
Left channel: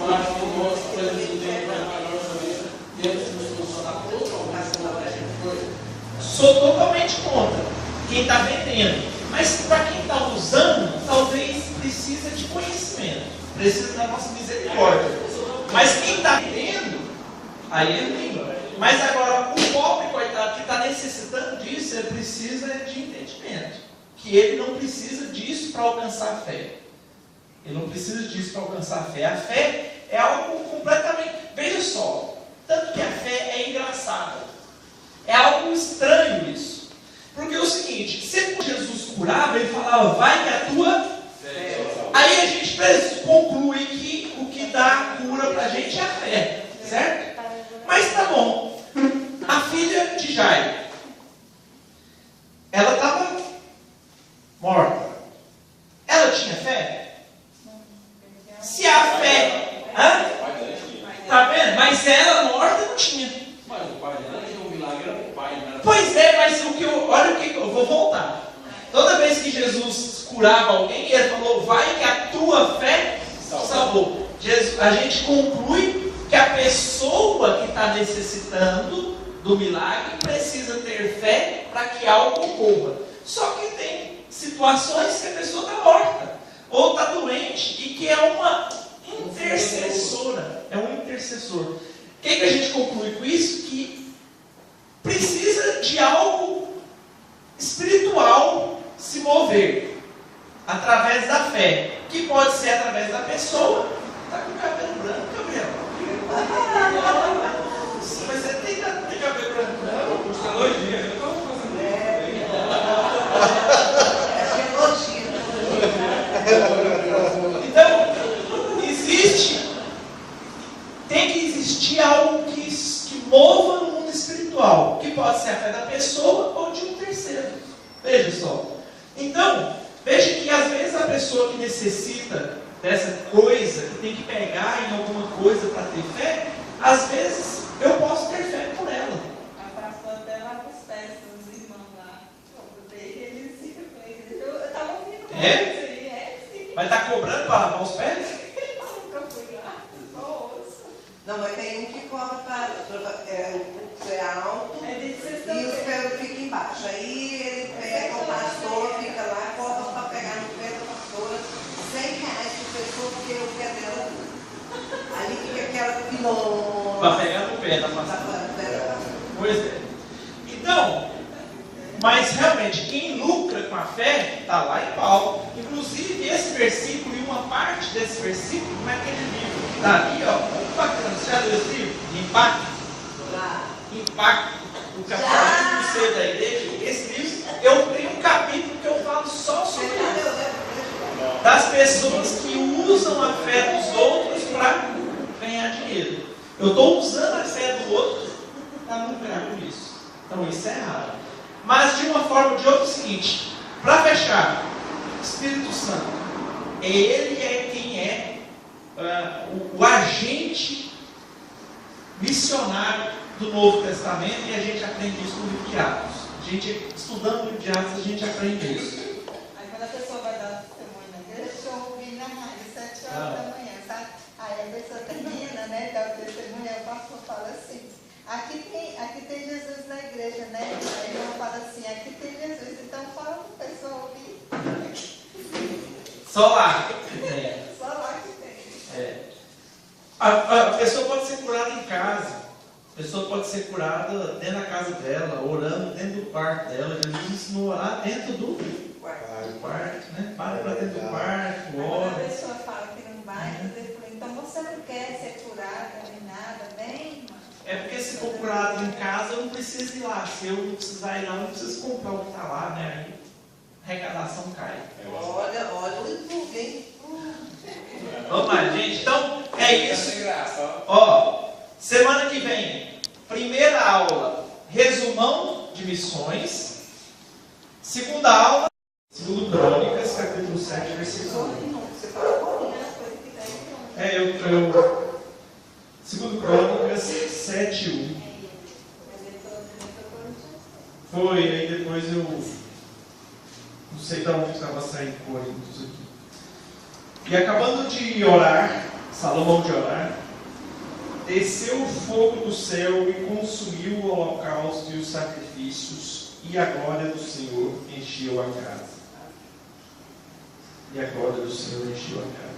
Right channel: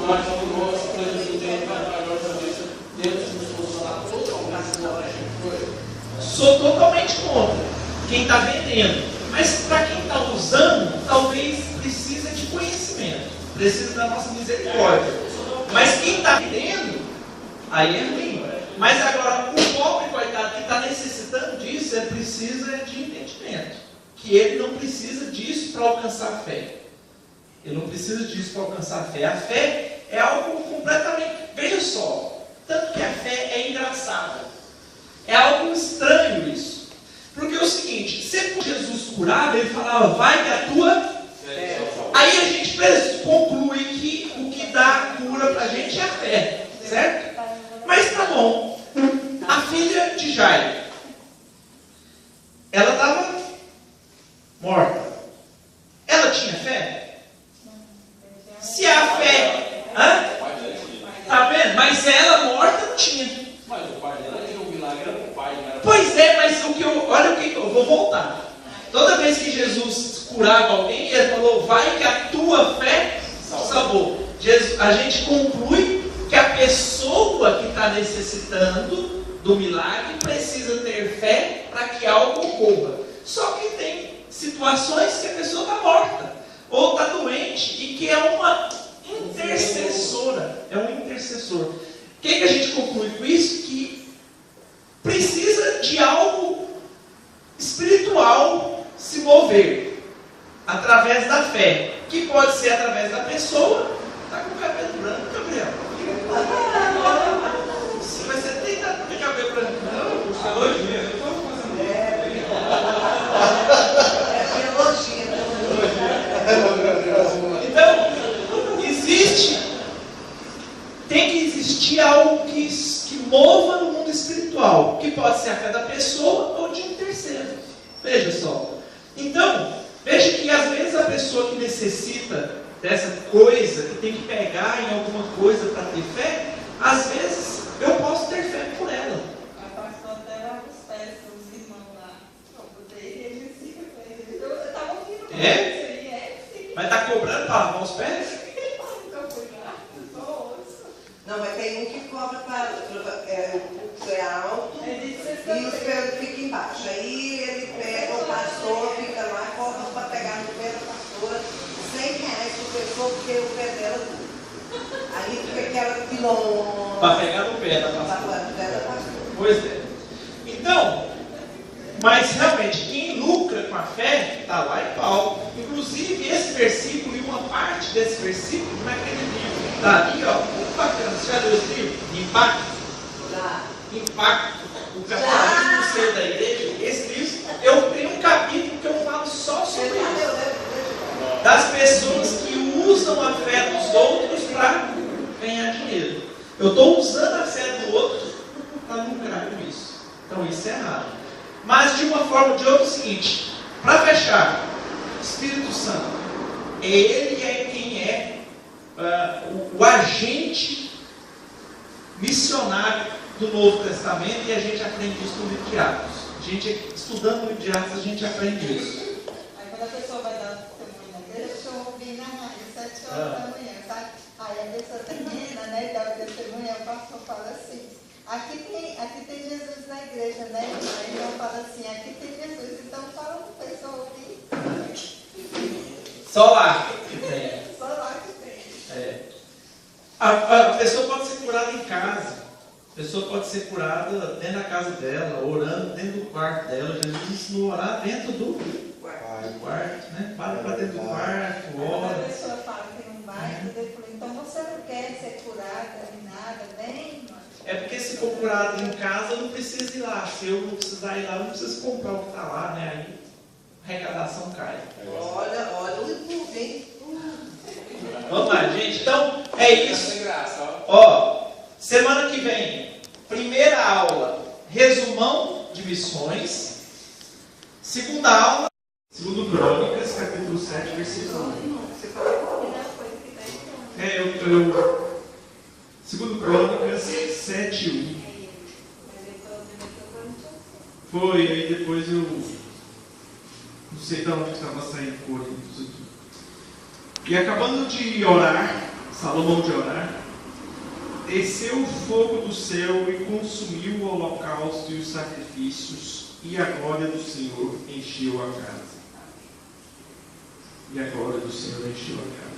Mas o nosso presidente trabalhou também, temos que funcionar totalmente contra essa coisa. Sou totalmente contra quem está vendendo. Mas para quem está usando, talvez precisa de conhecimento. Precisa da nossa misericórdia. Mas quem está vendendo, aí é ruim. Mas agora, o pobre, coitado, que está necessitando disso, ele precisa de entendimento. Que ele não precisa disso para alcançar a fé. Ele não precisa disso para alcançar a fé. A fé é algo completamente... Veja só, tanto que a fé é engraçada. É algo estranho isso. Porque é o seguinte, sempre que Jesus curava, ele falava, vai que a tua fé. Aí a gente conclui que o que dá cura para a gente é a fé. Certo? Mas tá bom. A filha de Jairo, ela estava morta. Ela tinha fé? Se a fé... Hã? Tá vendo? Mas ela morta não tinha. Mas o pai dela tinha um milagre, era o pai, né? Pois é, mas olha o que eu vou voltar. Toda vez que Jesus curava alguém, ele falou, vai que a tua fé salvou. A gente conclui que a pessoa que está necessitando do milagre precisa ter fé para que algo ocorra. Só que tem situações que a pessoa está morta, ou está doente, e que é uma intercessora. É um intercessor. O que a gente conclui com isso? Que precisa de algo espiritual se mover através da fé, que pode ser através da pessoa. Está com o cabelo branco, Gabriel. Mas você tem tanto de cabelo branco? Não, por 2 dias. Eu estou fazendo Então, tem que existir algo que mova no mundo espiritual, que pode ser a fé da pessoa ou de um terceiro. Veja só. Então, veja que às vezes a pessoa que necessita dessa coisa, que tem que pegar em alguma coisa para ter fé, às vezes eu posso ter fé por ela. A pastora até lá nos pés dos irmãos lá. Eles ficam com ele. Eu estava ouvindo. É? Vai estar cobrando para lavar os pés? Eu nunca fui lá. Só ouço. Não, mas tem um que cobra para o pulso é alto e os pelos ficam embaixo. Aí ele pega o pastor, fica lá, cobra para pegar no pé da pastora, R$100 por pessoa, porque o pé dela tudo. Aí fica aquela quilômetro. Para pegar no pé da pastora. Pois é. Então, mas realmente, quem lucra com a fé, está lá em Paulo. Inclusive, esse versículo e uma parte desse versículo, naquele livro que está ali, ó, muito bacana. Você já viu esse livro? Impacto. O capítulo C da igreja. Esse livro, eu tenho um capítulo que eu falo só sobre isso. Das pessoas que usam a fé dos outros para ganhar dinheiro. Eu estou usando a fé do outro para lucrar com isso. Então isso é errado. Mas de uma forma ou de outra é o seguinte, para fechar, Espírito Santo, ele é quem é o agente missionário do Novo Testamento, e a gente aprende isso no livro de Atos. A gente, estudando o livro de Atos, a gente aprende isso. Aí quando a pessoa vai dar testemunho na igreja, eu ouvi na rádio, 7 horas da manhã, sabe? Aí a pessoa termina, né, dá o testemunho, aí o pastor fala assim, aqui tem Jesus na igreja, né? Aí eu falo assim, aqui tem Jesus, então fala para o pessoal ouvir. Só lá que tem. Só lá que tem. A pessoa pode ser curada em casa. A pessoa pode ser curada dentro da casa dela, orando dentro do quarto dela. Jesus ensinou a orar dentro do quarto, né? Para dentro do quarto, Quando a ora. pessoa fala que não vai, eu falo, então você não quer ser curado, nem nada, bem? É porque se for curado em casa, eu não preciso ir lá. Se eu não precisar ir lá, eu não preciso comprar o que está lá, né? Aí a arrecadação cai. Olha o YouTube, hein? Vamos lá, gente. Então, é isso. Sem graça, ó. Ó, semana que vem, primeira aula, resumão de missões. Segunda aula, segundo Crônicas, capítulo 7, versículo 1. Segundo Crônicas 7, 1. Foi, aí depois eu não sei de onde estava saindo coisas aqui. E acabando de orar, Salomão de orar, desceu o fogo do céu e consumiu o holocausto e os sacrifícios, e a glória do Senhor encheu a casa. E a glória do Senhor encheu a casa.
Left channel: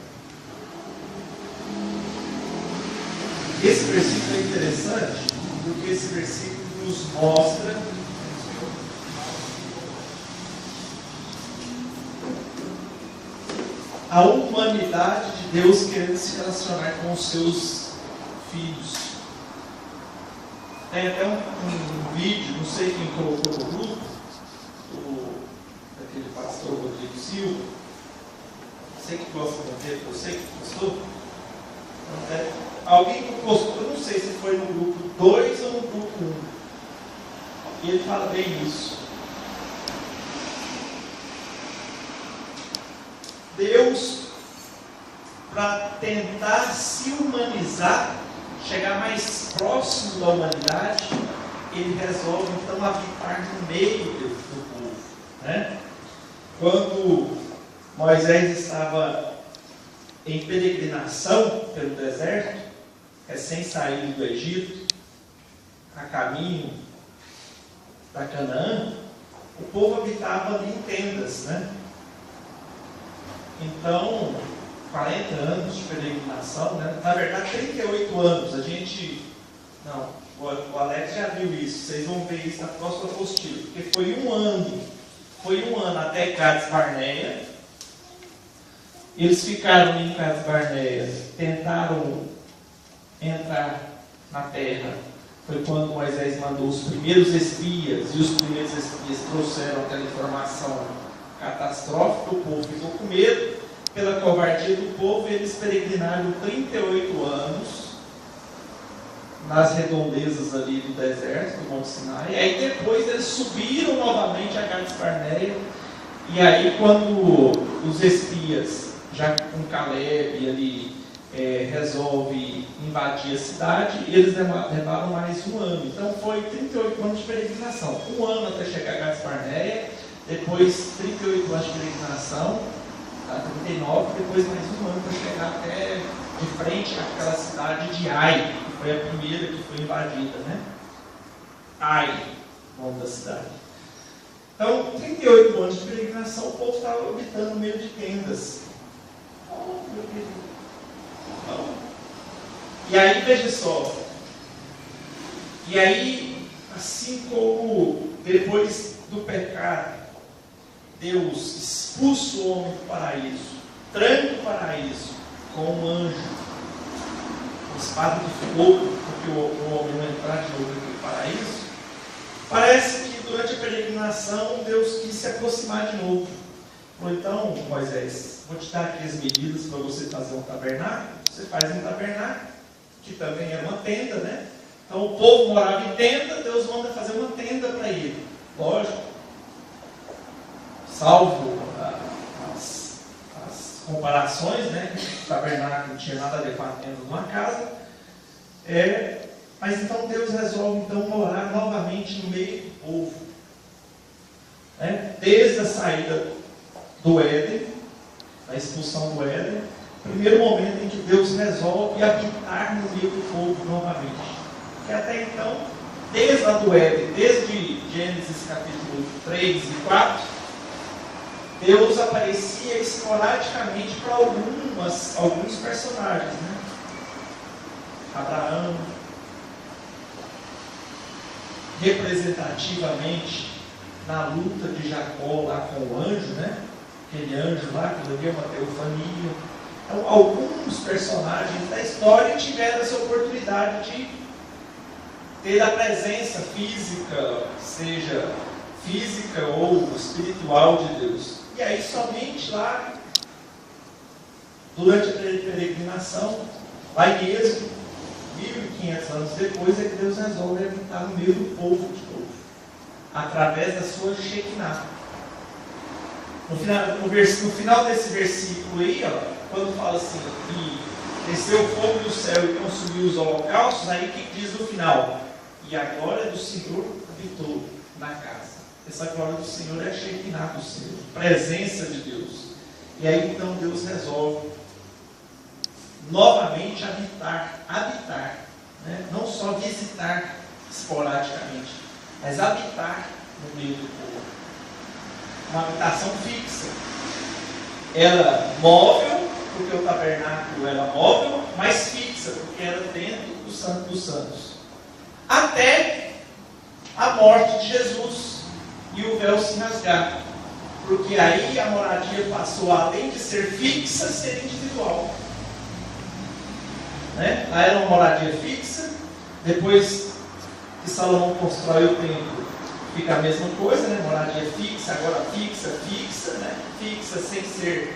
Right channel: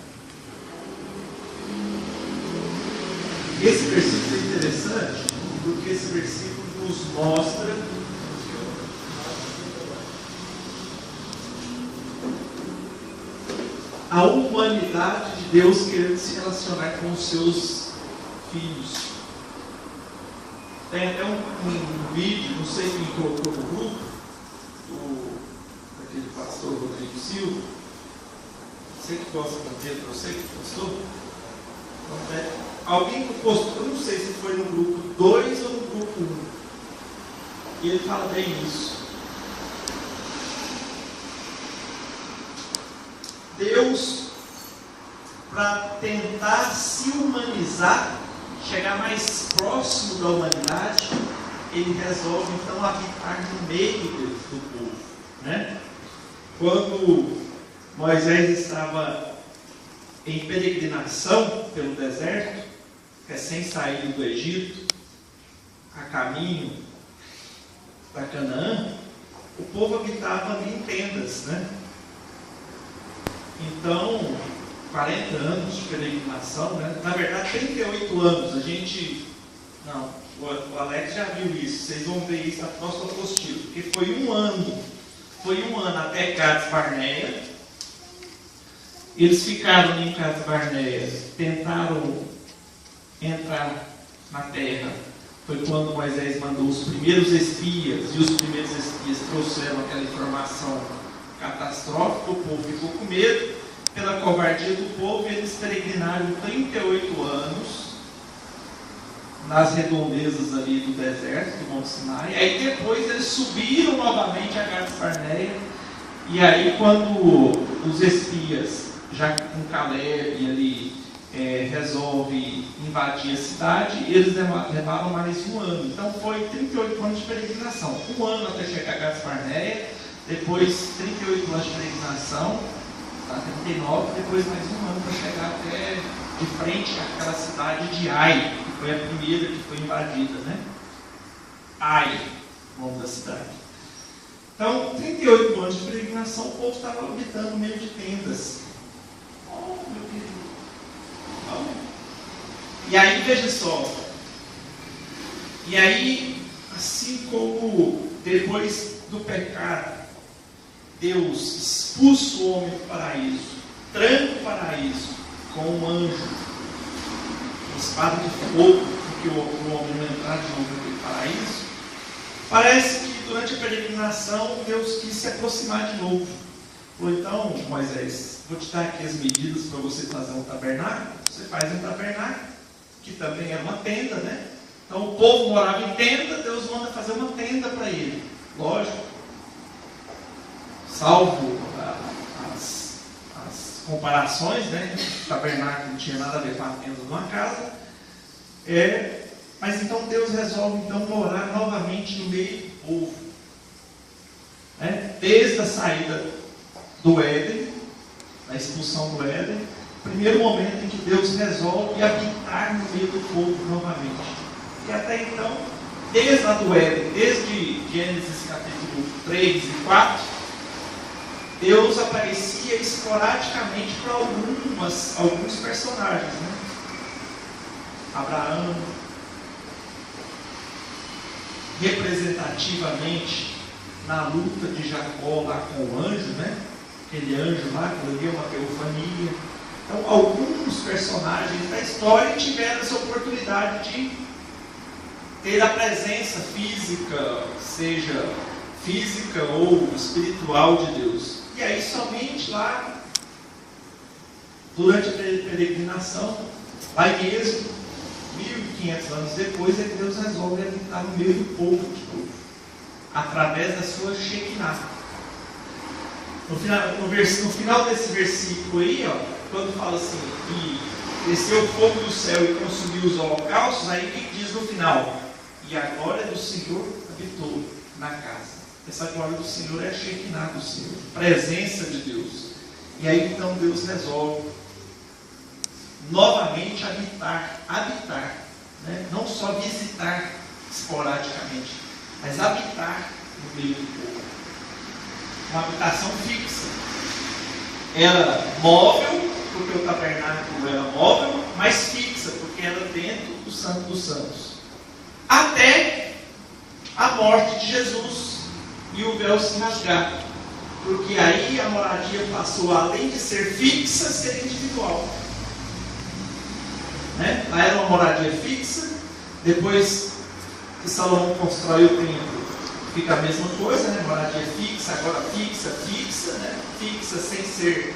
Esse versículo é interessante, porque esse versículo nos mostra a humanidade de Deus querendo se relacionar com os seus filhos. Tem até um vídeo, não sei quem colocou no grupo, daquele pastor Rodrigo Silva. Você que gosta do Pedro, você que postou? Alguém que postou, não sei se foi no grupo 2 ou no grupo 1. E ele fala bem isso. Deus, para tentar se humanizar, chegar mais próximo da humanidade, ele resolve então habitar no meio do povo. Né? Quando Moisés estava em peregrinação pelo deserto, recém saído do Egito, a caminho da Canaã, o povo habitava ali em tendas, né? Então, 40 anos de peregrinação, né? Na verdade 38 anos, o Alex já viu isso, vocês vão ver isso na próxima apostila, porque foi um ano até Cades Barneia. Eles ficaram em Cades Barneia, tentaram entrar na terra. Foi quando Moisés mandou os primeiros espias, e os primeiros espias trouxeram aquela informação catastrófica, o povo ficou com medo, pela covardia do povo, eles peregrinaram 38 anos nas redondezas ali do deserto, do Monte Sinai, e aí depois eles subiram novamente a Cades Barneia, e aí quando os espias, já com Caleb ali, resolve invadir a cidade, eles levaram mais um ano. Então foi 38 anos de peregrinação. Um ano até chegar a Cades Barneia, depois 38 anos de peregrinação, a 39, depois mais um ano para chegar até de frente àquela cidade de Ai, que foi a primeira que foi invadida, né? Ai, o nome da cidade. Então, 38 anos de peregrinação, o povo estava habitando no meio de tendas. Oh, meu querido. Não. E aí, veja só. E aí, assim como depois do pecado, Deus expulsa o homem do paraíso, tranca o paraíso com um anjo, uma espada de fogo, porque o homem não entrar de novo no paraíso. Parece que durante a peregrinação Deus quis se aproximar de novo. Falou, então, Moisés, vou te dar aqui as medidas para você fazer um tabernáculo. Você faz um tabernáculo, que também era uma tenda, né? Então o povo morava em tenda, Deus manda fazer uma tenda para ele. Lógico, salvo as comparações, né? O tabernáculo não tinha nada a ver com a tenda de uma casa. Mas então Deus resolve então morar novamente no meio do povo. Né? Desde a saída do Éden, a expulsão do Éden, primeiro momento em que Deus resolve habitar no meio do povo novamente. E até então, desde lá do Éden, desde Gênesis capítulo 3 e 4, Deus aparecia esporadicamente para alguns personagens. Né? Abraão, representativamente na luta de Jacó lá com o anjo, né? Aquele anjo lá que lhe deu uma teofania. Então, alguns personagens da história tiveram essa oportunidade de ter a presença física, seja física ou espiritual de Deus. E aí, somente lá, durante a peregrinação, lá em Êxodo, 1500 anos depois, é que Deus resolve habitar no meio do povo de novo, através da sua Shekinah. No final desse versículo aí, ó, quando fala assim, e desceu o fogo do céu e consumiu os holocaustos, aí que diz no final, e a glória do Senhor habitou na casa. Essa glória do Senhor é a Shekinah do Senhor, presença de Deus. E aí então Deus resolve novamente habitar, né? Não só visitar esporadicamente, mas habitar no meio do povo. Uma habitação fixa. Era móvel, porque o tabernáculo era móvel, mas fixa, porque era dentro do Santo dos Santos. Até a morte de Jesus e o véu se rasgar. Porque aí a moradia passou, além de ser fixa, a ser individual. Né? Lá era uma moradia fixa, depois que Salomão constrói o templo, fica a mesma coisa, né? Moradia fixa, agora fixa, né? Fixa sem ser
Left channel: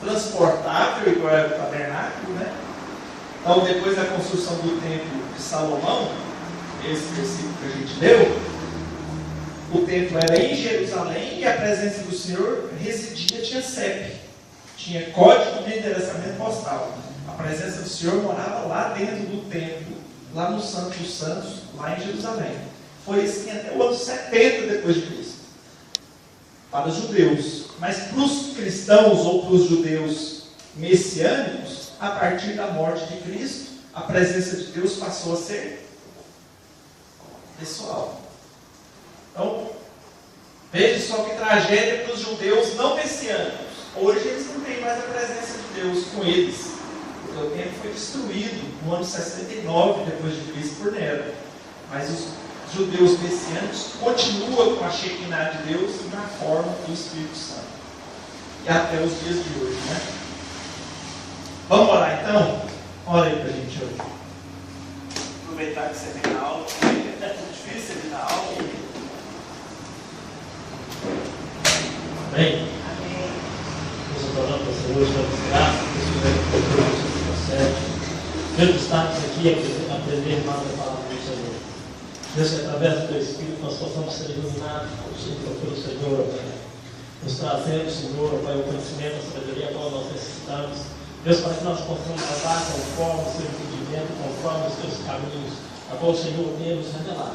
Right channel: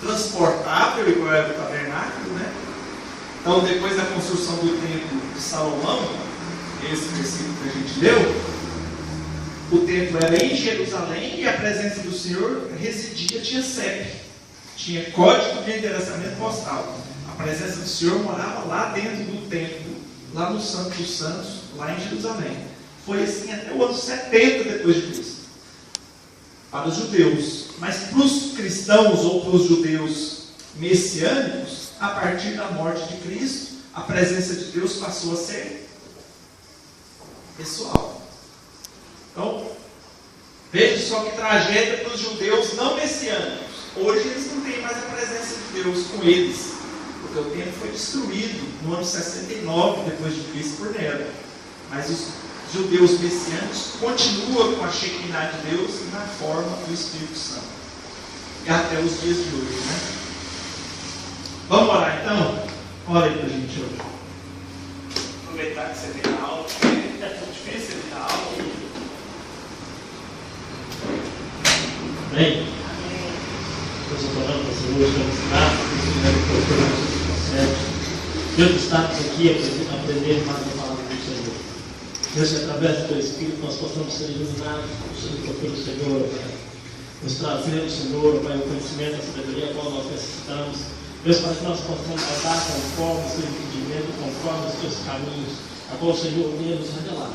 transportável, igual era o tabernáculo, né? Então, depois da construção do templo de Salomão, esse versículo que a gente leu, o templo era em Jerusalém e a presença do Senhor residia, tinha CEP, tinha código de endereçamento postal. A presença do Senhor morava lá dentro do templo, lá no Santo dos Santos, lá em Jerusalém. Foi assim até o ano 70 depois de Cristo. Para os judeus. Mas para os cristãos ou para os judeus messiânicos, a partir da morte de Cristo, a presença de Deus passou a ser pessoal. Então, veja só que tragédia para os judeus não messiânicos. Hoje eles não têm mais a presença de Deus com eles, porque o templo foi destruído no ano 69 depois de Cristo por Nero. Mas os judeus messiânicos continuam com a Shekinah de Deus na forma do Espírito Santo. E até os dias de hoje, né? Vamos orar então? Ora aí pra gente hoje. Aproveitar que você vem na aula, porque é muito difícil você vir na aula. Amém? Deus, eu estou orando, Senhor, estamos gratos por esse momento que o Senhor nos concede. Deus, estamos aqui a aprender mais a palavra do Senhor. Deus, que através do Teu Espírito nós possamos ser iluminados pelo Senhor, nos trazendo, Senhor, Pai, o conhecimento, a sabedoria qual nós necessitamos. Deus, para que nós possamos andar conforme o Seu entendimento, conforme os Teus caminhos, a qual o Senhor tenha nos revelado.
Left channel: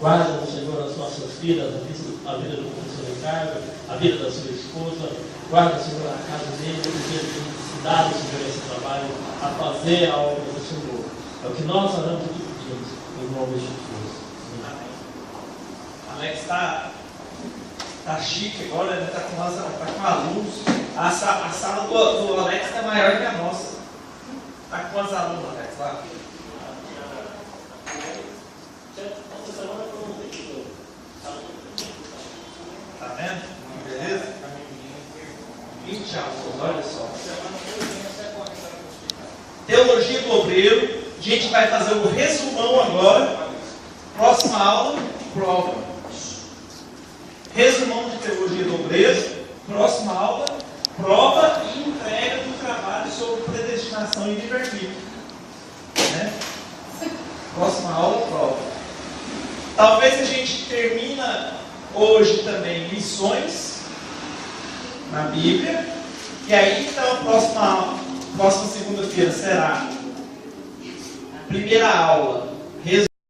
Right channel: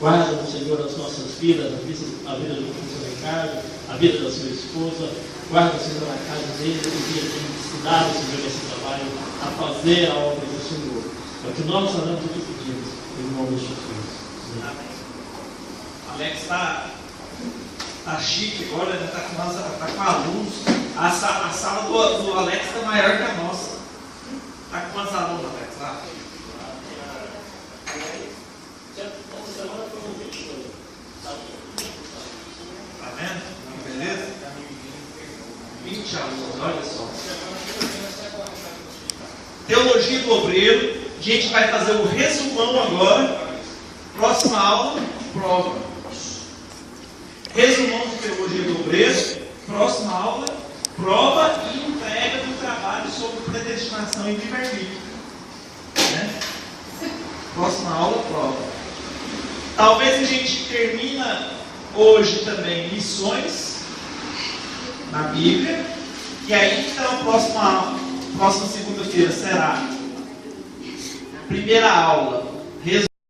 Guarda, Senhor, as nossas vidas, a vida do professor Ricardo, a vida da sua esposa. Guarda, Senhor, a casa dele, que ele tem se dado, Senhor, esse trabalho, a fazer algo pelo Senhor. É o que nós oramos e pedimos, em nome de Jesus. Amém. Alex está chique agora, ele está com alunos. A sala do Alex está maior que a nossa. Está com quantos alunos, Alex, lá? Tá vendo? Que beleza? 20 alunos, olha só. Teologia do Obreiro. A gente vai fazer o resumão agora. Próxima aula, prova. Resumão de Teologia do Obreiro. Próxima aula, prova e entrega do trabalho sobre predestinação e livre-arbítrio. Né? Próxima aula, prova. Talvez a gente termina hoje também lições na Bíblia. E aí, então, a próxima segunda-feira será a primeira aula.